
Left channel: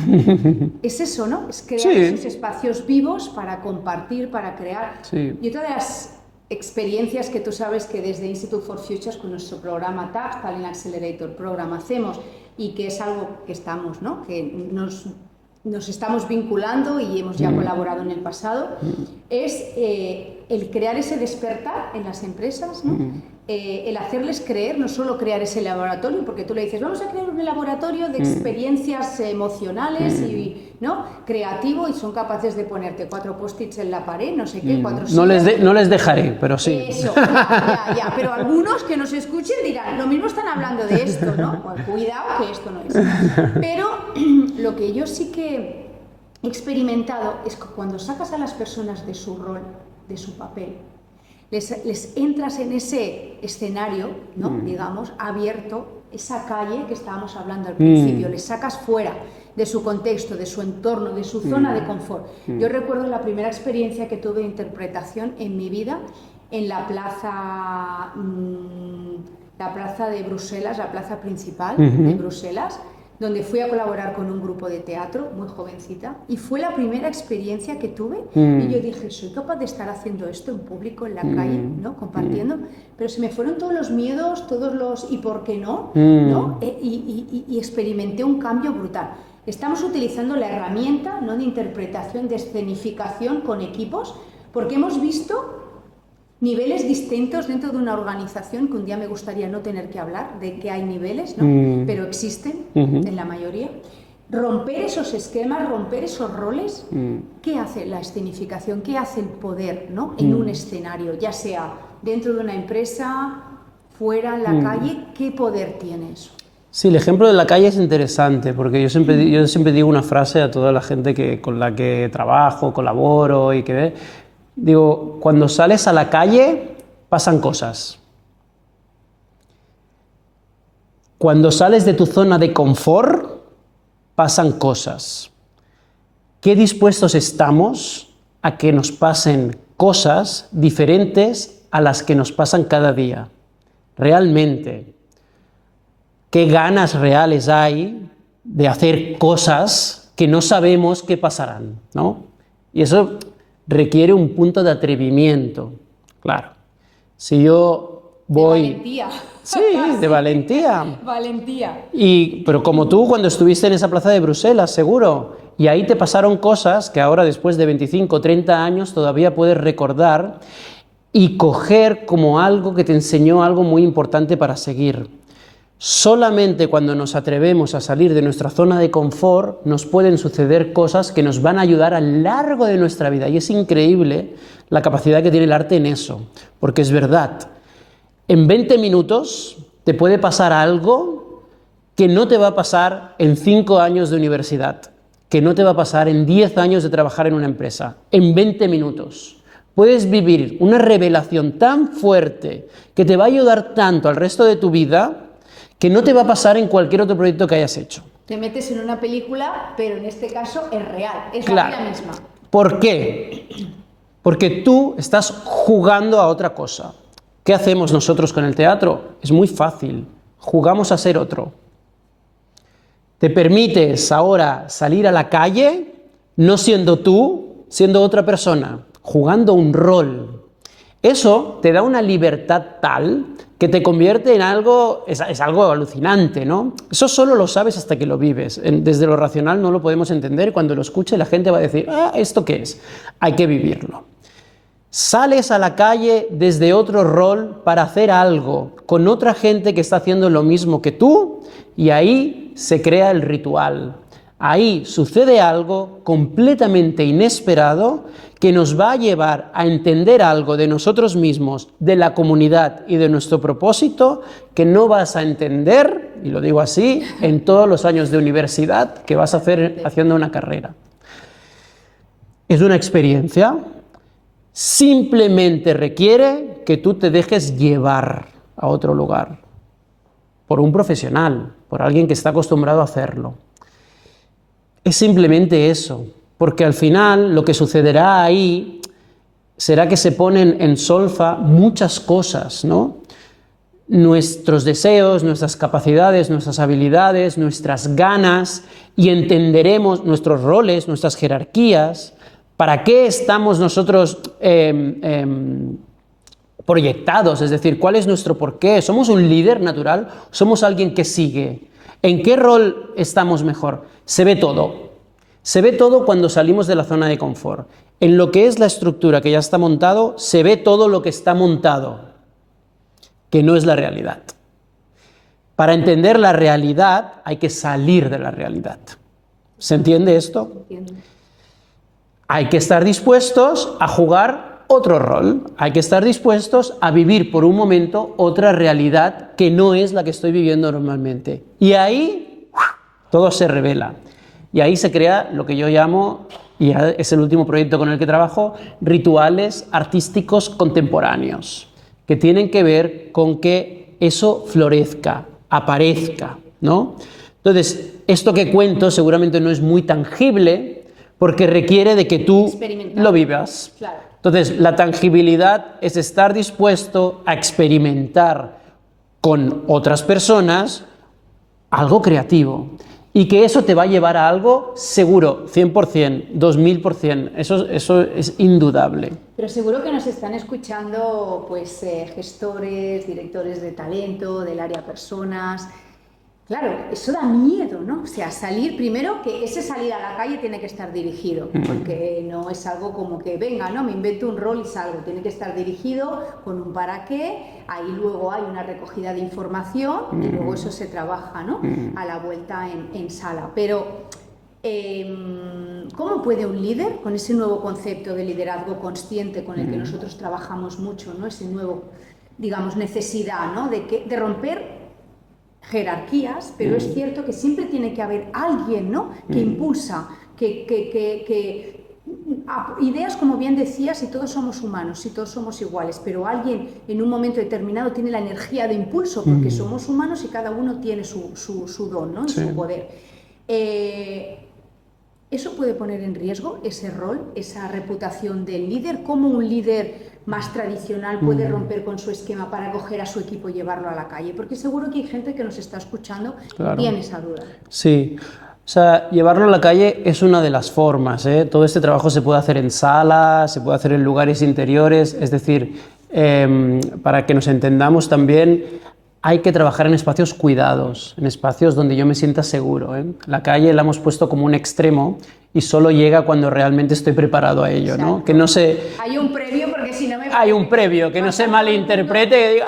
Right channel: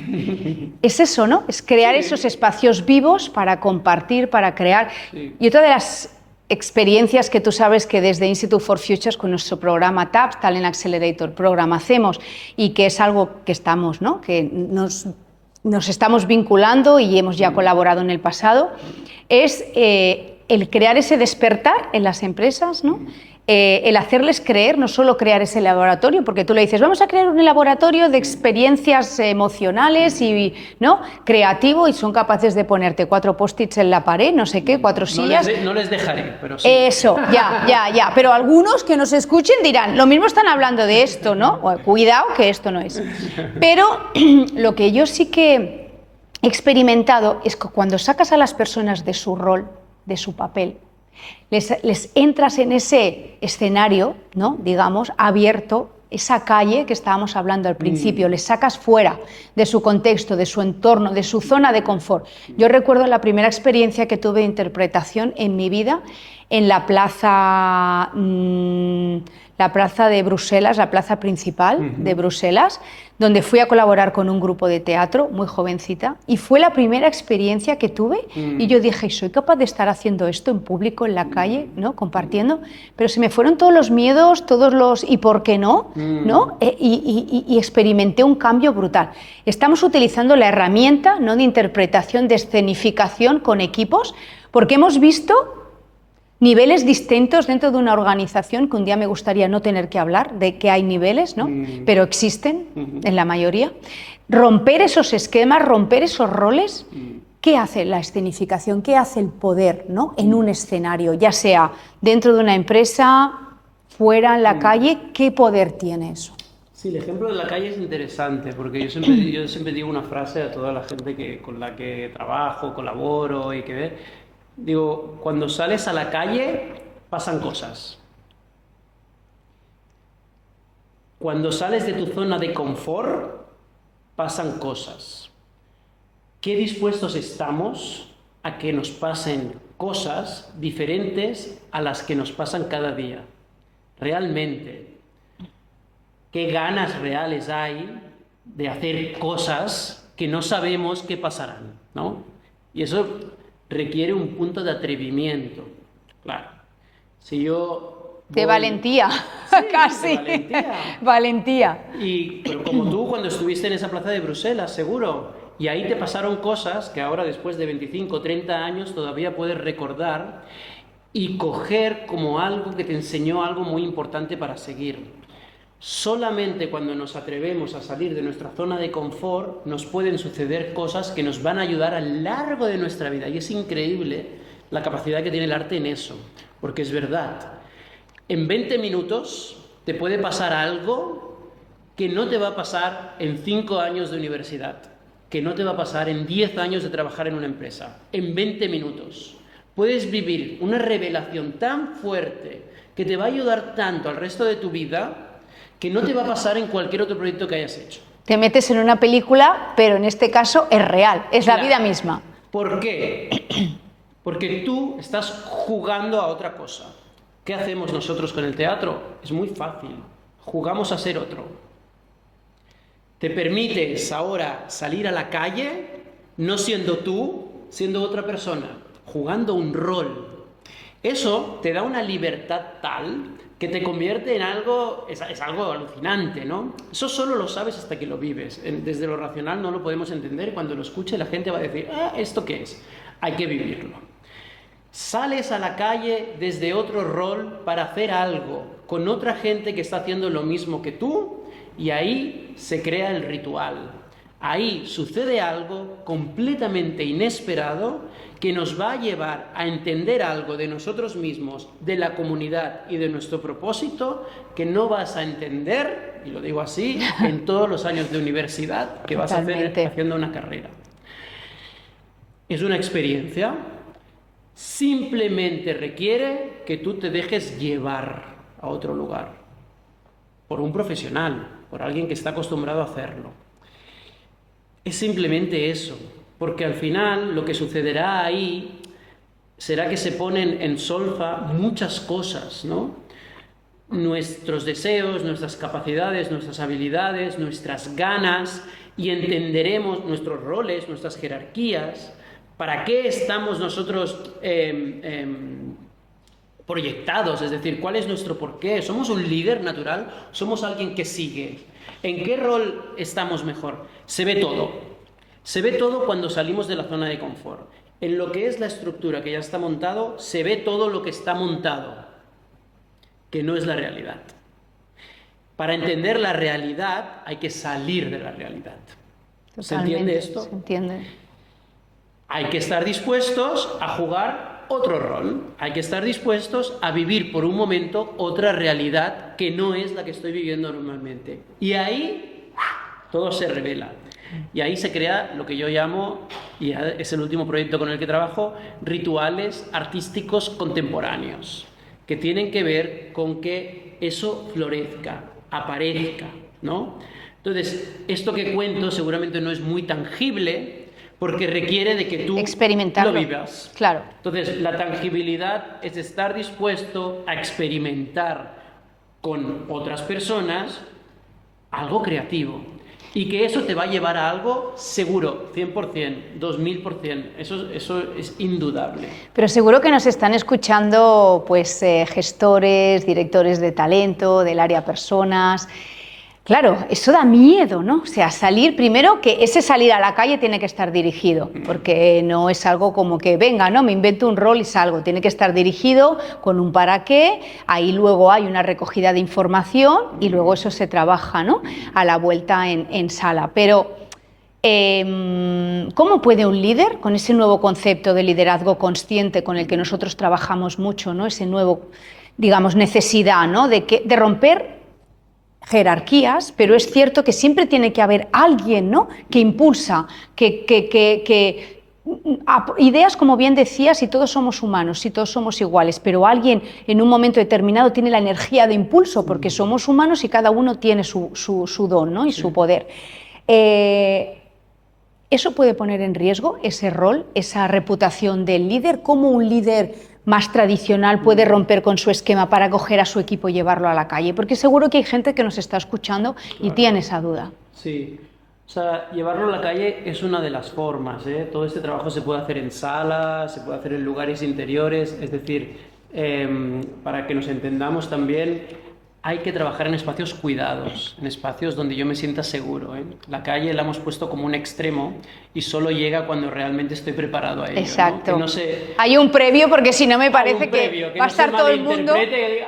Es eso, ¿no? Es crear esos espacios vivos para compartir, para crear. Sí. Y otra de las experiencias que tú sabes que desde Institute for Futures con nuestro programa TAPS, Talent Accelerator Program, hacemos y que es algo que estamos, ¿no? Que nos estamos vinculando y hemos ya colaborado en el pasado, es el crear ese despertar en las empresas, ¿no? El hacerles creer, no solo crear ese laboratorio, porque tú le dices, vamos a crear un laboratorio de experiencias emocionales y, ¿no? Creativo, y son capaces de ponerte 4 post-its en la pared, no sé qué, 4 sillas. No les dejaré, pero sí. Eso, ya. Pero algunos que nos escuchen dirán, lo mismo están hablando de esto, ¿no? Cuidado que esto no es. Pero lo que yo sí que he experimentado es que cuando sacas a las personas de su rol, de su papel, les entras en ese escenario, ¿no? Digamos, abierto, esa calle que estábamos hablando al principio, les sacas fuera de su contexto, de su entorno, de su zona de confort. Yo recuerdo la primera experiencia que tuve de interpretación en mi vida en la plaza de Bruselas, la plaza principal de Bruselas, donde fui a colaborar con un grupo de teatro, muy jovencita, y fue la primera experiencia que tuve, y yo dije, soy capaz de estar haciendo esto en público, en la calle, ¿no? Compartiendo, pero se me fueron todos los miedos, todos los ¿y por qué no? ¿No? Y experimenté un cambio brutal. Estamos utilizando la herramienta, ¿no? De interpretación, de escenificación con equipos, porque hemos visto niveles distintos dentro de una organización, que un día me gustaría no tener que hablar de que hay niveles, ¿no? Pero existen en la mayoría. Romper esos esquemas, romper esos roles. ¿Qué hace la escenificación? ¿Qué hace el poder, ¿no? En un escenario, ya sea dentro de una empresa, fuera en la calle, ¿qué poder tiene eso? Sí, el ejemplo de la calle es interesante, porque yo siempre digo una frase a toda la gente con la que trabajo, colaboro y que ve. Digo, cuando sales a la calle pasan cosas. Cuando sales de tu zona de confort pasan cosas. ¿Qué dispuestos estamos a que nos pasen cosas diferentes a las que nos pasan cada día? Realmente. ¿Qué ganas reales hay de hacer cosas que no sabemos qué pasarán, ¿no? Y eso requiere un punto de atrevimiento, claro. Si yo voy... De valentía. Sí, Casi. de valentía. Valentía. Pero como tú cuando estuviste en esa plaza de Bruselas, seguro, y ahí te pasaron cosas que ahora después de 25 o 30 años todavía puedes recordar y coger como algo que te enseñó algo muy importante para seguir. Solamente cuando nos atrevemos a salir de nuestra zona de confort nos pueden suceder cosas que nos van a ayudar a lo largo de nuestra vida. Y es increíble la capacidad que tiene el arte en eso, porque es verdad. En 20 minutos te puede pasar algo que no te va a pasar en 5 años de universidad, que no te va a pasar en 10 años de trabajar en una empresa. En 20 minutos puedes vivir una revelación tan fuerte que te va a ayudar tanto al resto de tu vida que no te va a pasar en cualquier otro proyecto que hayas hecho. Te metes en una película, pero en este caso es real, es la vida misma. ¿Por qué? Porque tú estás jugando a otra cosa. ¿Qué hacemos nosotros con el teatro? Es muy fácil. Jugamos a ser otro. Te permites ahora salir a la calle, no siendo tú, siendo otra persona, jugando un rol. Eso te da una libertad tal que te convierte en algo, es algo alucinante, ¿no? Eso solo lo sabes hasta que lo vives. Desde lo racional no lo podemos entender. Cuando lo escuche la gente va a decir, ¿esto qué es? Hay que vivirlo. Sales a la calle desde otro rol para hacer algo con otra gente que está haciendo lo mismo que tú y ahí se crea el ritual. Ahí sucede algo completamente inesperado que nos va a llevar a entender algo de nosotros mismos, de la comunidad y de nuestro propósito que no vas a entender, y lo digo así, en todos los años de universidad que vas a hacer haciendo una carrera. Es una experiencia, simplemente requiere que tú te dejes llevar a otro lugar, por un profesional, por alguien que está acostumbrado a hacerlo. Es simplemente eso. Porque al final lo que sucederá ahí será que se ponen en solfa muchas cosas, ¿no? Nuestros deseos, nuestras capacidades, nuestras habilidades, nuestras ganas, y entenderemos nuestros roles, nuestras jerarquías, para qué estamos nosotros proyectados, es decir, cuál es nuestro porqué. ¿Somos un líder natural? ¿Somos alguien que sigue? ¿En qué rol estamos mejor? Se ve todo. Se ve todo cuando salimos de la zona de confort. En lo que es la estructura que ya está montado, se ve todo lo que está montado, que no es la realidad. Para entender la realidad hay que salir de la realidad. ¿Se entiende esto? Se entiende. Hay que estar dispuestos a jugar otro rol. Hay que estar dispuestos a vivir por un momento otra realidad que no es la que estoy viviendo normalmente. Y ahí todo se revela. Y ahí se crea lo que yo llamo, y es el último proyecto con el que trabajo, rituales artísticos contemporáneos, que tienen que ver con que eso florezca, aparezca, ¿no? Entonces, esto que cuento seguramente no es muy tangible porque requiere de que tú lo vivas. Claro. Entonces, la tangibilidad es estar dispuesto a experimentar con otras personas algo creativo. Y que eso te va a llevar a algo seguro, 100%, 2000%, eso es indudable. Pero seguro que nos están escuchando pues, gestores, directores de talento, del área personas. Claro, eso da miedo, ¿no? O sea, salir, primero que ese salir a la calle tiene que estar dirigido, porque no es algo como que venga, ¿no? Me invento un rol y salgo, tiene que estar dirigido con un para qué, ahí luego hay una recogida de información y luego eso se trabaja, ¿no? A la vuelta en sala. Pero, ¿cómo puede un líder, con ese nuevo concepto de liderazgo consciente con el que nosotros trabajamos mucho, ¿no? Ese nuevo digamos, necesidad, ¿no? de romper jerarquías, pero es cierto que siempre tiene que haber alguien, ¿no? que impulsa, ideas, como bien decías, si todos somos humanos, si todos somos iguales, pero alguien en un momento determinado tiene la energía de impulso, porque somos humanos y cada uno tiene su don, ¿no? y su poder. ¿Eso puede poner en riesgo ese rol, esa reputación del líder? ¿Cómo un líder más tradicional puede romper con su esquema para coger a su equipo y llevarlo a la calle? Porque seguro que hay gente que nos está escuchando y tiene esa duda. Sí. O sea, llevarlo a la calle es una de las formas, ¿eh? Todo este trabajo se puede hacer en salas, se puede hacer en lugares interiores, es decir, para que nos entendamos también, hay que trabajar en espacios cuidados, en espacios donde yo me sienta seguro, ¿eh? La calle la hemos puesto como un extremo y solo llega cuando realmente estoy preparado a ello, ¿no? Que no se... Hay un previo, porque si no me parece hay un previo, que no se malinterprete y diga,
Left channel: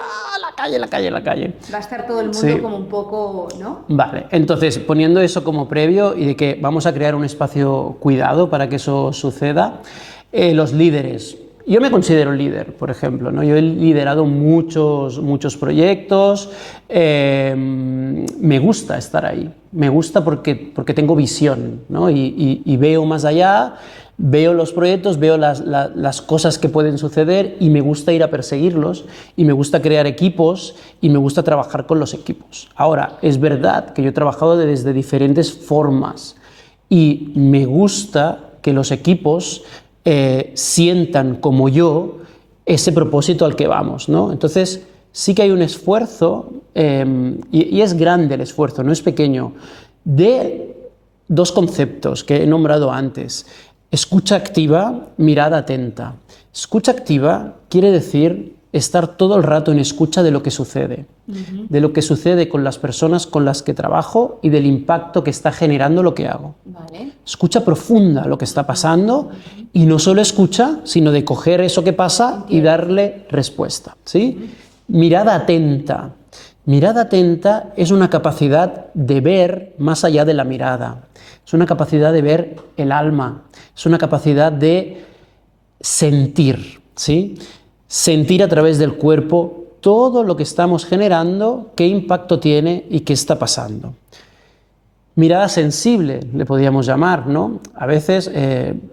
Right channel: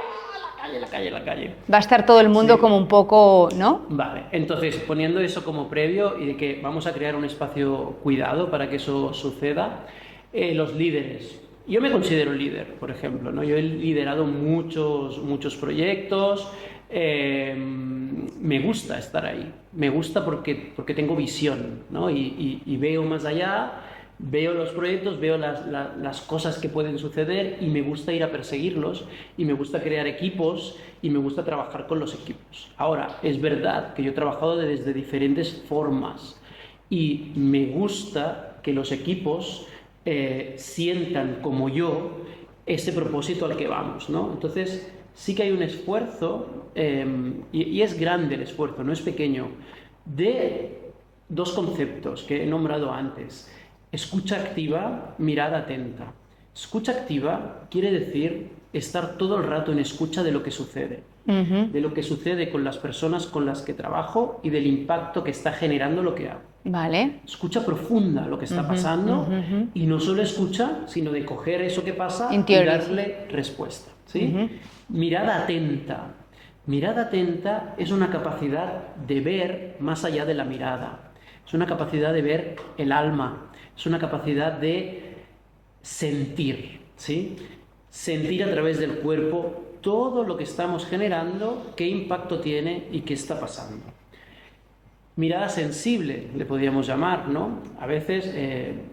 la calle. Va a estar todo el mundo como un poco, ¿no? Vale, entonces, poniendo eso como previo y de que vamos a crear un espacio cuidado para que eso suceda, los líderes. Yo me considero líder, por ejemplo, ¿no? Yo he liderado muchos proyectos, me gusta estar ahí, me gusta porque tengo visión, ¿no? y veo más allá, veo los proyectos, veo las cosas que pueden suceder y me gusta ir a perseguirlos y me gusta crear equipos y me gusta trabajar con los equipos. Ahora, es verdad que yo he trabajado desde diferentes formas y me gusta que los equipos sientan como yo ese propósito al que vamos, ¿no? Entonces sí que hay un esfuerzo y es grande el esfuerzo, no es pequeño, de dos conceptos que he nombrado antes: escucha activa, mirada atenta. Escucha activa quiere decir estar todo el rato en escucha de lo que sucede, de lo que sucede con las personas con las que trabajo y del impacto que está generando lo que hago. Vale. Escucha profunda lo que está pasando y no solo escucha, sino de coger eso que pasa y darle respuesta, ¿sí? Mirada atenta. Mirada atenta es una capacidad de ver más allá de la mirada, es una capacidad de ver el alma, es una capacidad de sentir, ¿sí? Sentir a través del cuerpo todo lo que estamos generando, qué impacto tiene y qué está pasando. Mirada sensible, le podríamos llamar, ¿no? A veces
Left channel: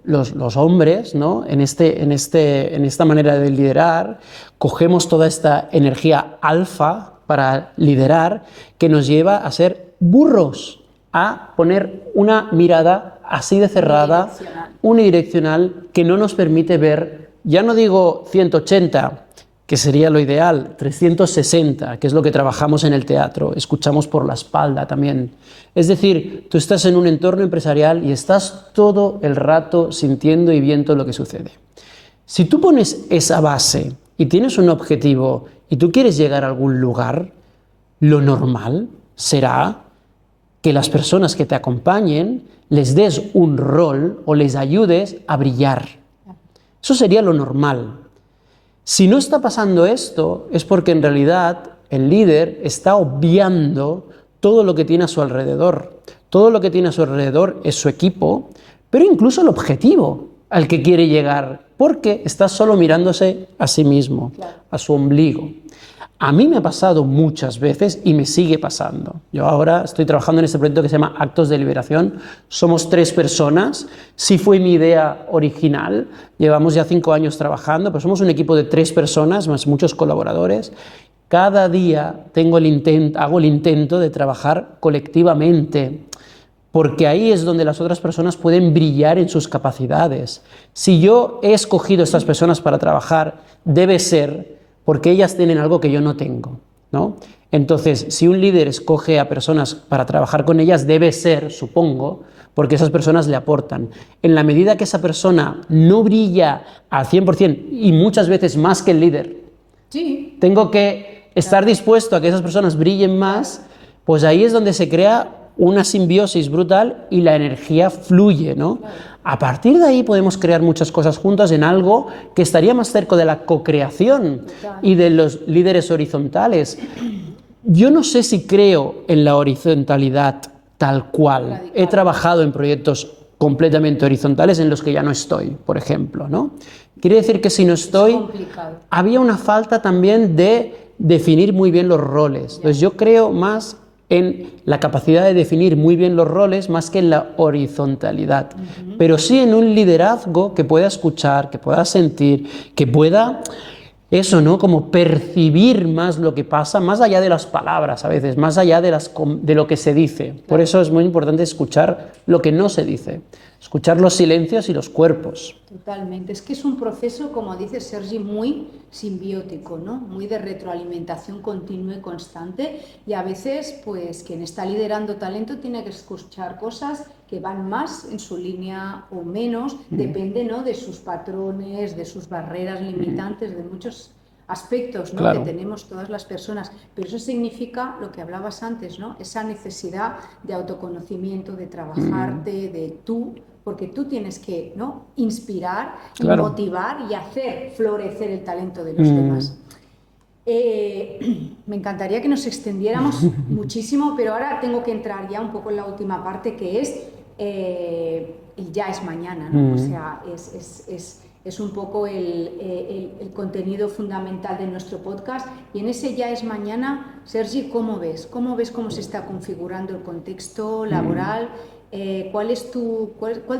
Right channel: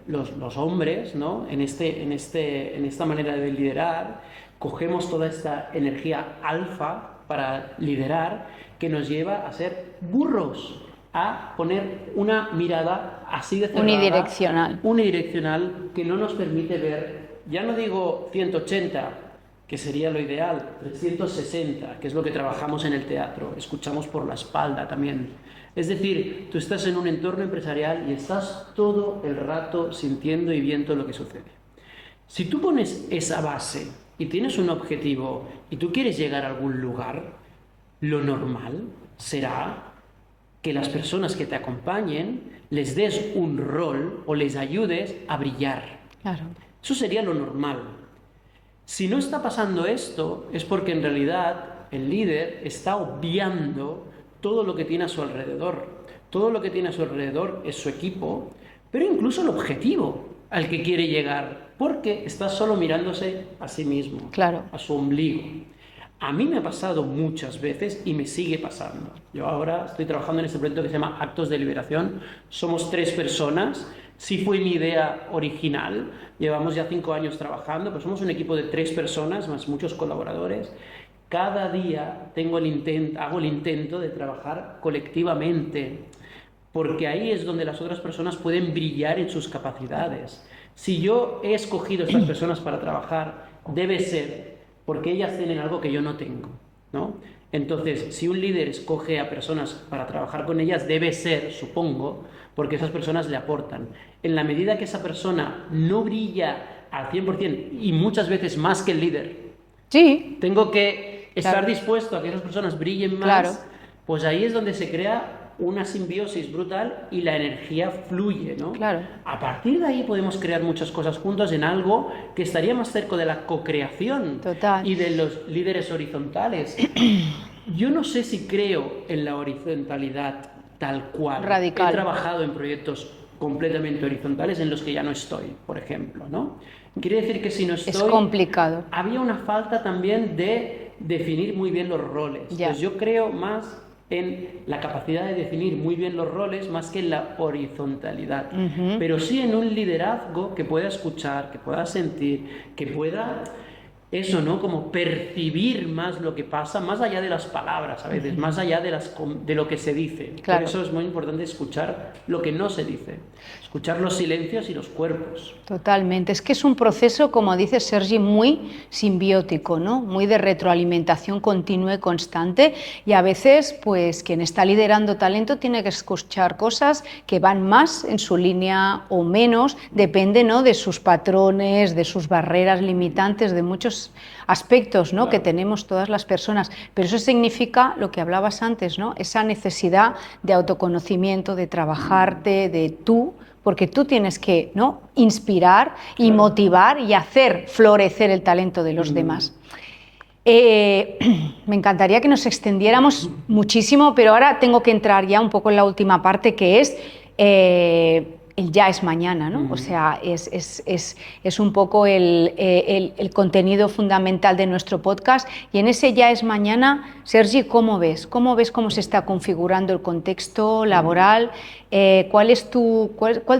los hombres, ¿no? en esta manera de liderar, cogemos toda esta energía alfa para liderar que nos lleva a ser burros, a poner una mirada así de cerrada, unidireccional, que no nos permite ver. Ya no digo 180, que sería lo ideal, 360, que es lo que trabajamos en el teatro, escuchamos por la espalda también. Es decir, tú estás en un entorno empresarial y estás todo el rato sintiendo y viendo lo que sucede. Si tú pones esa base y tienes un objetivo y tú quieres llegar a algún lugar, lo normal será que las personas que te acompañen les des un rol o les ayudes a brillar. Claro. Eso sería lo normal. Si no está pasando esto, es porque en realidad el líder está obviando todo lo que tiene a su alrededor. Todo lo que tiene a su alrededor es su equipo, pero incluso el objetivo al que quiere llegar, porque está solo mirándose a sí mismo, claro, a su ombligo. A mí me ha pasado muchas veces y me sigue pasando. Yo ahora estoy trabajando en este proyecto que se llama Actos de Liberación. Somos 3 personas. Sí fue mi idea original. Llevamos ya 5 años trabajando, pero somos un equipo de 3 personas, más muchos colaboradores. Cada día hago el intento de trabajar colectivamente, porque ahí es donde las otras personas pueden brillar en sus capacidades. Si yo he escogido a estas personas para trabajar, debe ser porque ellas tienen algo que yo no tengo, ¿no? Entonces, si un líder escoge a personas para trabajar con ellas, debe ser, supongo, porque esas personas le aportan. En la medida que esa persona no brilla al 100% y muchas veces más que el líder, sí, tengo que estar dispuesto a que esas personas brillen más, pues ahí es donde se crea una simbiosis brutal y la energía fluye, ¿no? Claro. A partir de ahí podemos crear muchas cosas juntas en algo que estaría más cerca de la co-creación y de los líderes horizontales. Yo no sé si creo en la horizontalidad tal cual. Radical. He trabajado en proyectos completamente horizontales en los que ya no estoy, por ejemplo, ¿no? Quiere decir que si no estoy... Es complicado. Había una falta también de definir muy bien los roles. Ya. Entonces yo creo más en la capacidad de definir muy bien los roles más que en la horizontalidad. Pero sí en un liderazgo que pueda escuchar, que pueda sentir, que pueda... Eso, ¿no? Como percibir más lo que pasa, más allá de las palabras a veces, más allá de lo que se dice. Claro. Por eso es muy importante escuchar lo que no se dice, escuchar los silencios y los cuerpos. Totalmente. Es que es un proceso, como dice Sergi, muy simbiótico, ¿no? Muy de retroalimentación continua y constante. Y a veces, pues, quien está liderando talento tiene que escuchar cosas que van más en su línea o menos, depende, ¿no?, de sus patrones, de sus barreras limitantes, de muchos aspectos, ¿no?, Claro. que tenemos todas las personas. Pero eso significa lo que hablabas antes, ¿no?, esa necesidad de autoconocimiento, de trabajarte, de tú, porque tú tienes que, ¿no?, inspirar y Claro. motivar y hacer florecer el talento de los demás. Me encantaría que nos extendiéramos muchísimo, pero ahora tengo que entrar ya un poco en la última parte, que es el ya es mañana, ¿no? O sea, es un poco el contenido fundamental de nuestro podcast. Y en ese ya es mañana, Sergi, ¿cómo ves? ¿Cómo ves cómo se está configurando el contexto laboral? ¿Cuál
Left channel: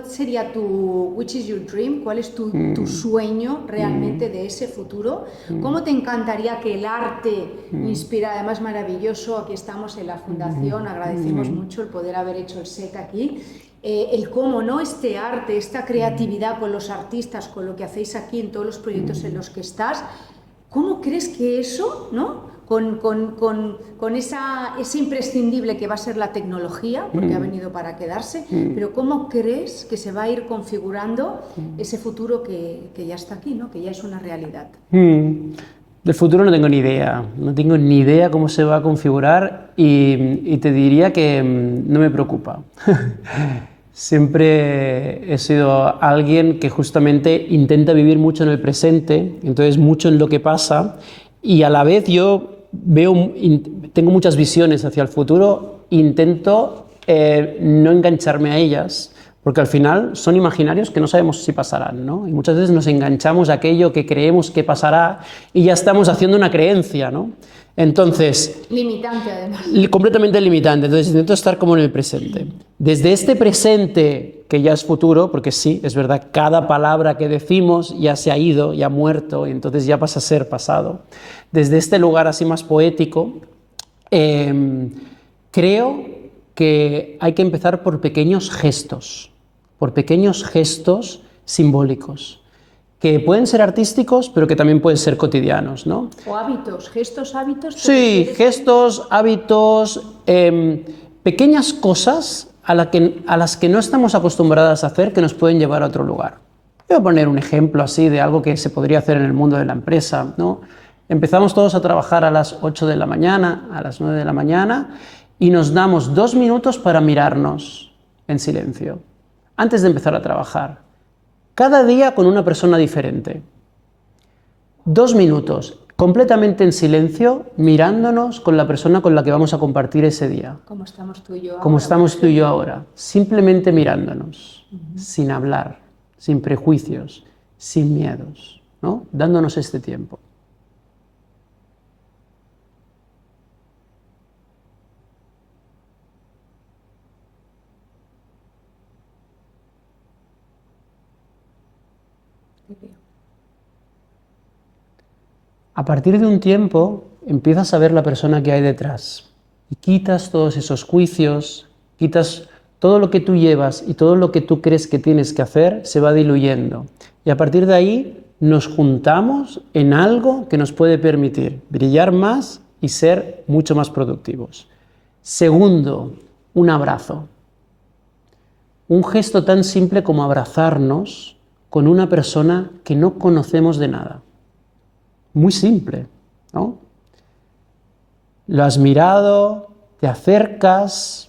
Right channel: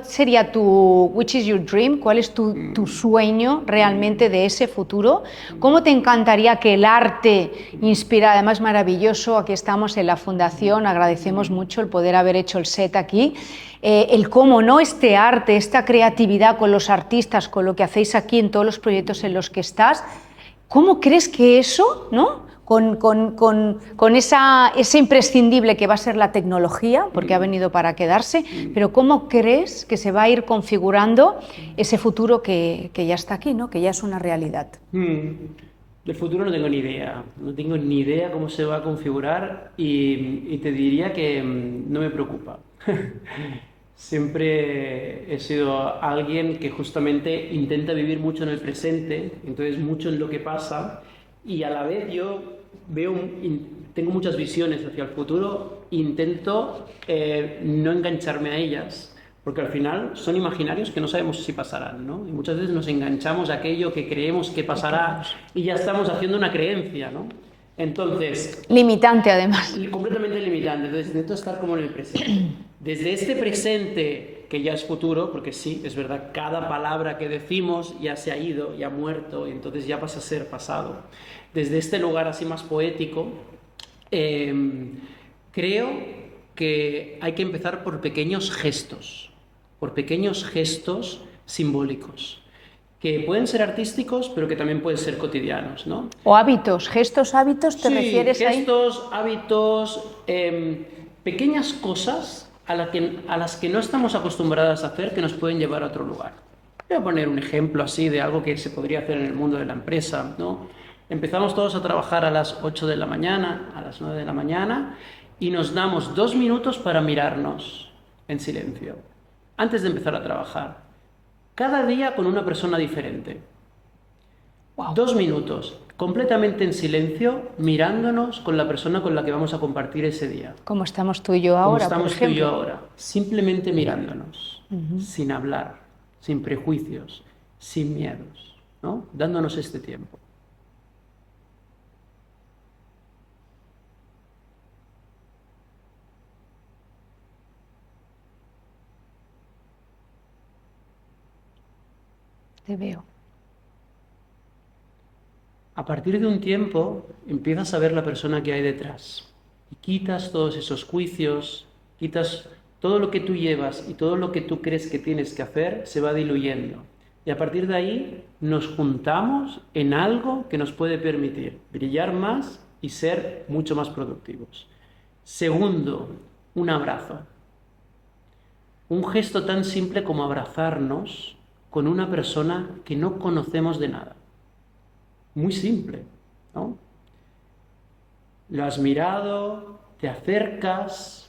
sería which is your dream? ¿Cuál es tu sueño realmente de ese futuro? ¿Cómo te encantaría que el arte inspira? Además, maravilloso, aquí estamos en la Fundación, agradecemos mucho el poder haber hecho el set aquí. El cómo, ¿no?, este arte, esta creatividad con los artistas, con lo que hacéis aquí en todos los proyectos en los que estás, ¿cómo crees que eso, ¿no?, con ese imprescindible que va a ser la tecnología, porque ha venido para quedarse, pero cómo crees que se va a ir configurando ese futuro que ya está aquí, ¿no?, que ya es una realidad? Del futuro no tengo ni idea, no tengo ni idea cómo se va a configurar y te diría que no me preocupa. Siempre he sido alguien que justamente intenta vivir mucho en el presente, entonces mucho en lo que pasa, y a la vez yo tengo muchas visiones hacia el futuro, intento no engancharme a ellas, porque al final son imaginarios que no sabemos si pasarán, ¿no? Y muchas veces nos enganchamos a aquello que creemos que pasará y ya estamos haciendo una creencia, ¿no? Entonces... Limitante, además. Completamente limitante. Entonces intento estar como en el presente. Desde este presente, que ya es futuro, porque sí, es verdad, cada palabra que decimos ya se ha ido, ya ha muerto, y entonces ya pasa a ser pasado. Desde este lugar así más poético, creo que hay que empezar por pequeños gestos simbólicos, que pueden ser artísticos, pero que también pueden ser cotidianos, ¿no? O hábitos, gestos, hábitos, ¿te Sí, refieres gestos, hábitos, pequeñas cosas a las que no estamos acostumbradas a hacer que nos pueden llevar a otro lugar. Voy a poner un ejemplo así de algo que se podría hacer en el mundo de la empresa, ¿no? Empezamos todos a trabajar a las 8 de la mañana, a las 9 de la mañana, y nos damos 2 minutos para mirarnos en silencio, antes de empezar a trabajar. Cada día con una persona diferente. Wow. 2 minutos, completamente en silencio, mirándonos con la persona con la que vamos a compartir ese día. Como estamos tú y yo ahora. Como estamos tú y yo ahora. Simplemente mirándonos, sin hablar, sin prejuicios, sin miedos, ¿no? Dándonos este tiempo. Te veo. A partir de un tiempo empiezas a ver la persona que hay detrás y quitas todos esos juicios, quitas todo lo que tú llevas y todo lo que tú crees que tienes que hacer se va diluyendo. Y a partir de ahí nos juntamos en algo que nos puede permitir brillar más y ser mucho más productivos. Segundo, un abrazo. Un gesto tan simple como abrazarnos con una persona que no conocemos de nada. Muy simple, ¿no? Lo has mirado, te acercas,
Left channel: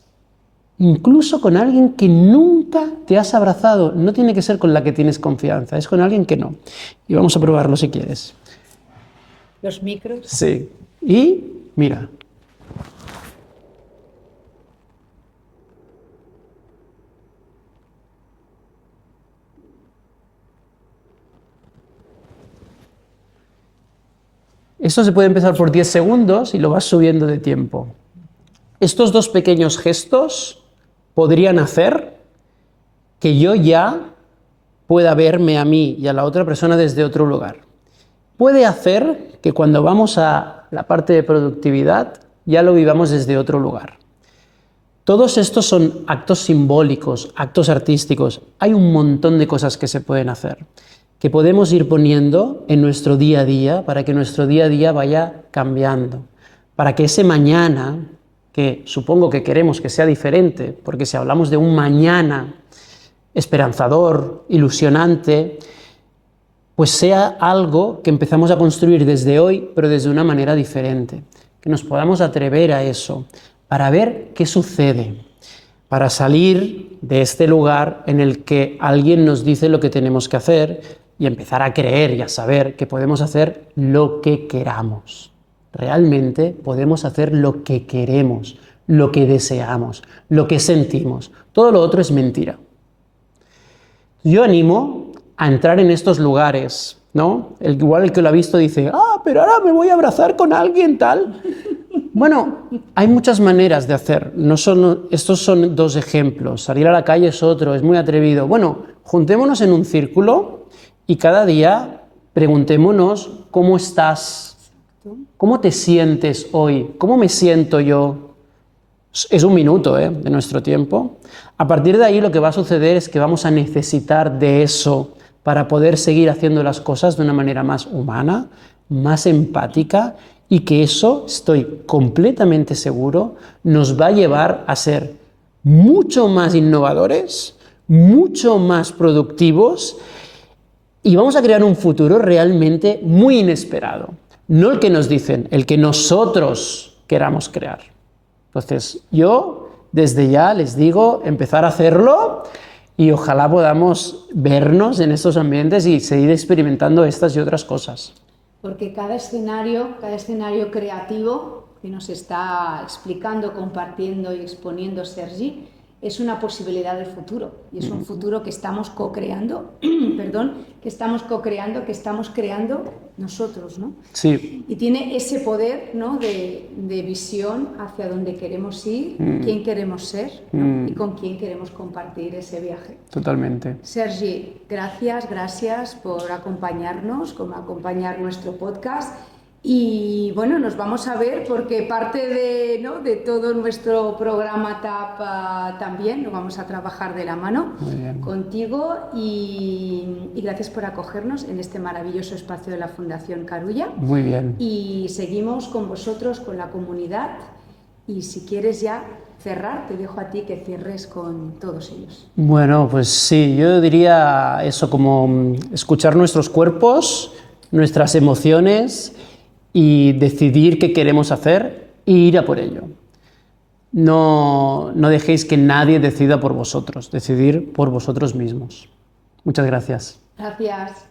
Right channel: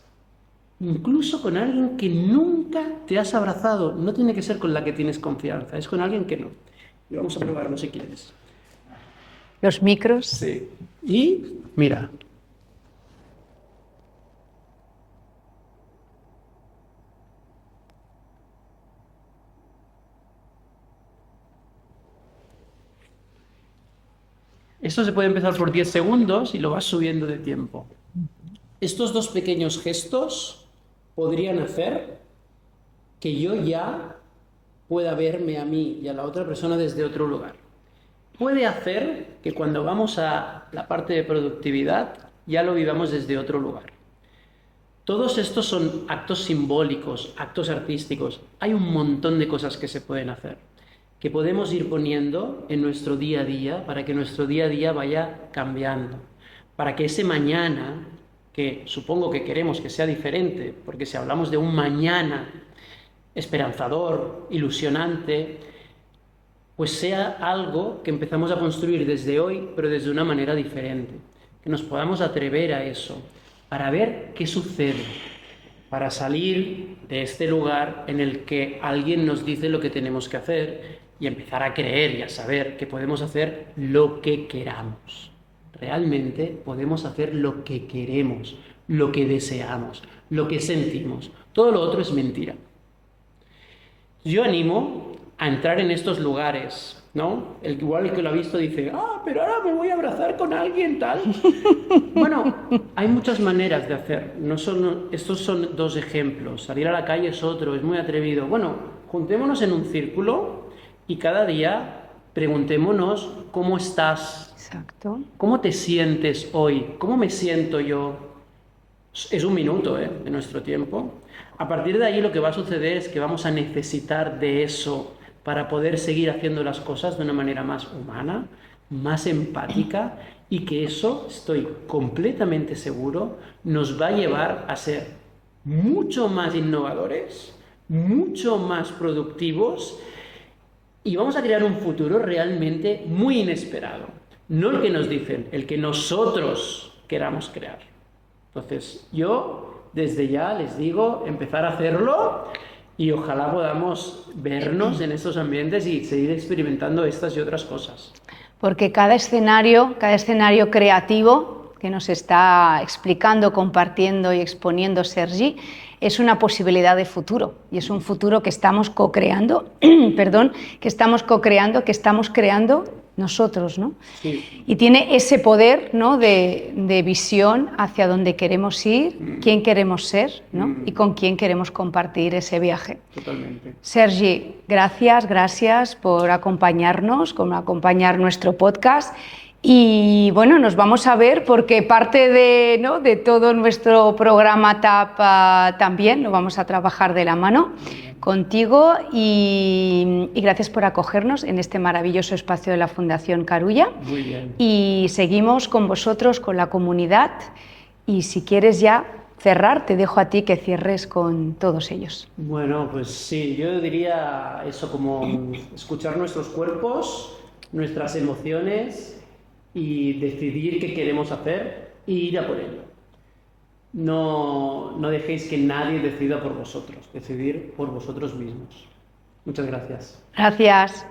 incluso con alguien que nunca te has abrazado. No tiene que ser con la que tienes confianza, es con alguien que no. Y vamos a probarlo si quieres. ¿Los micros? Sí. Y mira. Esto se puede empezar por 10 segundos y lo vas subiendo de tiempo. Estos dos pequeños gestos podrían hacer que yo ya pueda verme a mí y a la otra persona desde otro lugar. Puede hacer que cuando vamos a la parte de productividad ya lo vivamos desde otro lugar. Todos estos son actos simbólicos, actos artísticos. Hay un montón de cosas que se pueden hacer, que podemos ir poniendo en nuestro día a día para que nuestro día a día vaya cambiando, para que ese mañana, que supongo que queremos que sea diferente, porque si hablamos de un mañana esperanzador, ilusionante, pues sea algo que empezamos a construir desde hoy, pero desde una manera diferente, que nos podamos atrever a eso, para ver qué sucede, para salir de este lugar en el que alguien nos dice lo que tenemos que hacer y empezar a creer y a saber que podemos hacer lo que queramos. Realmente podemos hacer lo que queremos, lo que deseamos, lo que sentimos. Todo lo otro es mentira. Yo animo a entrar en estos lugares, ¿no? Igual el que lo ha visto dice, pero ahora me voy a abrazar con alguien tal. Bueno, hay muchas maneras de hacer. Estos son dos ejemplos. Salir a la calle es otro, es muy atrevido. Bueno, juntémonos en un círculo y cada día preguntémonos cómo estás. Exacto. ¿Cómo te sientes hoy? ¿Cómo me siento yo? Es un minuto de nuestro tiempo. A partir de ahí lo que va a suceder es que vamos a necesitar de eso para poder seguir haciendo las cosas de una manera más humana, más empática, y que eso, estoy completamente seguro, nos va a llevar a ser mucho más innovadores, mucho más productivos, y vamos a crear un futuro realmente muy inesperado. No el que nos dicen, el que nosotros queramos crear. Entonces, yo desde ya les digo, empezar a hacerlo y ojalá podamos vernos en estos ambientes y seguir experimentando estas y otras cosas. Porque cada escenario creativo que nos está explicando, compartiendo y exponiendo Sergi es una posibilidad de futuro y es un futuro que estamos co-creando, que estamos creando nosotros, ¿no? Sí. Y tiene ese poder, ¿no?, de visión hacia dónde queremos ir, quién queremos ser, ¿no? Y con quién queremos compartir ese viaje. Totalmente. Sergi, gracias por acompañarnos, por acompañar nuestro podcast. Y bueno, nos vamos a ver porque parte de todo nuestro programa TAP también lo vamos a trabajar de la mano contigo y gracias por acogernos en este maravilloso espacio de la Fundación Carulla. Muy bien. Y seguimos con vosotros, con la comunidad, y si quieres ya cerrar, te dejo a ti que cierres con todos ellos. Bueno, pues sí, yo diría eso, como escuchar nuestros cuerpos, nuestras emociones y decidir qué queremos hacer e ir a por ello. No dejéis que nadie decida por vosotros, decidir por vosotros mismos. Muchas gracias. Gracias.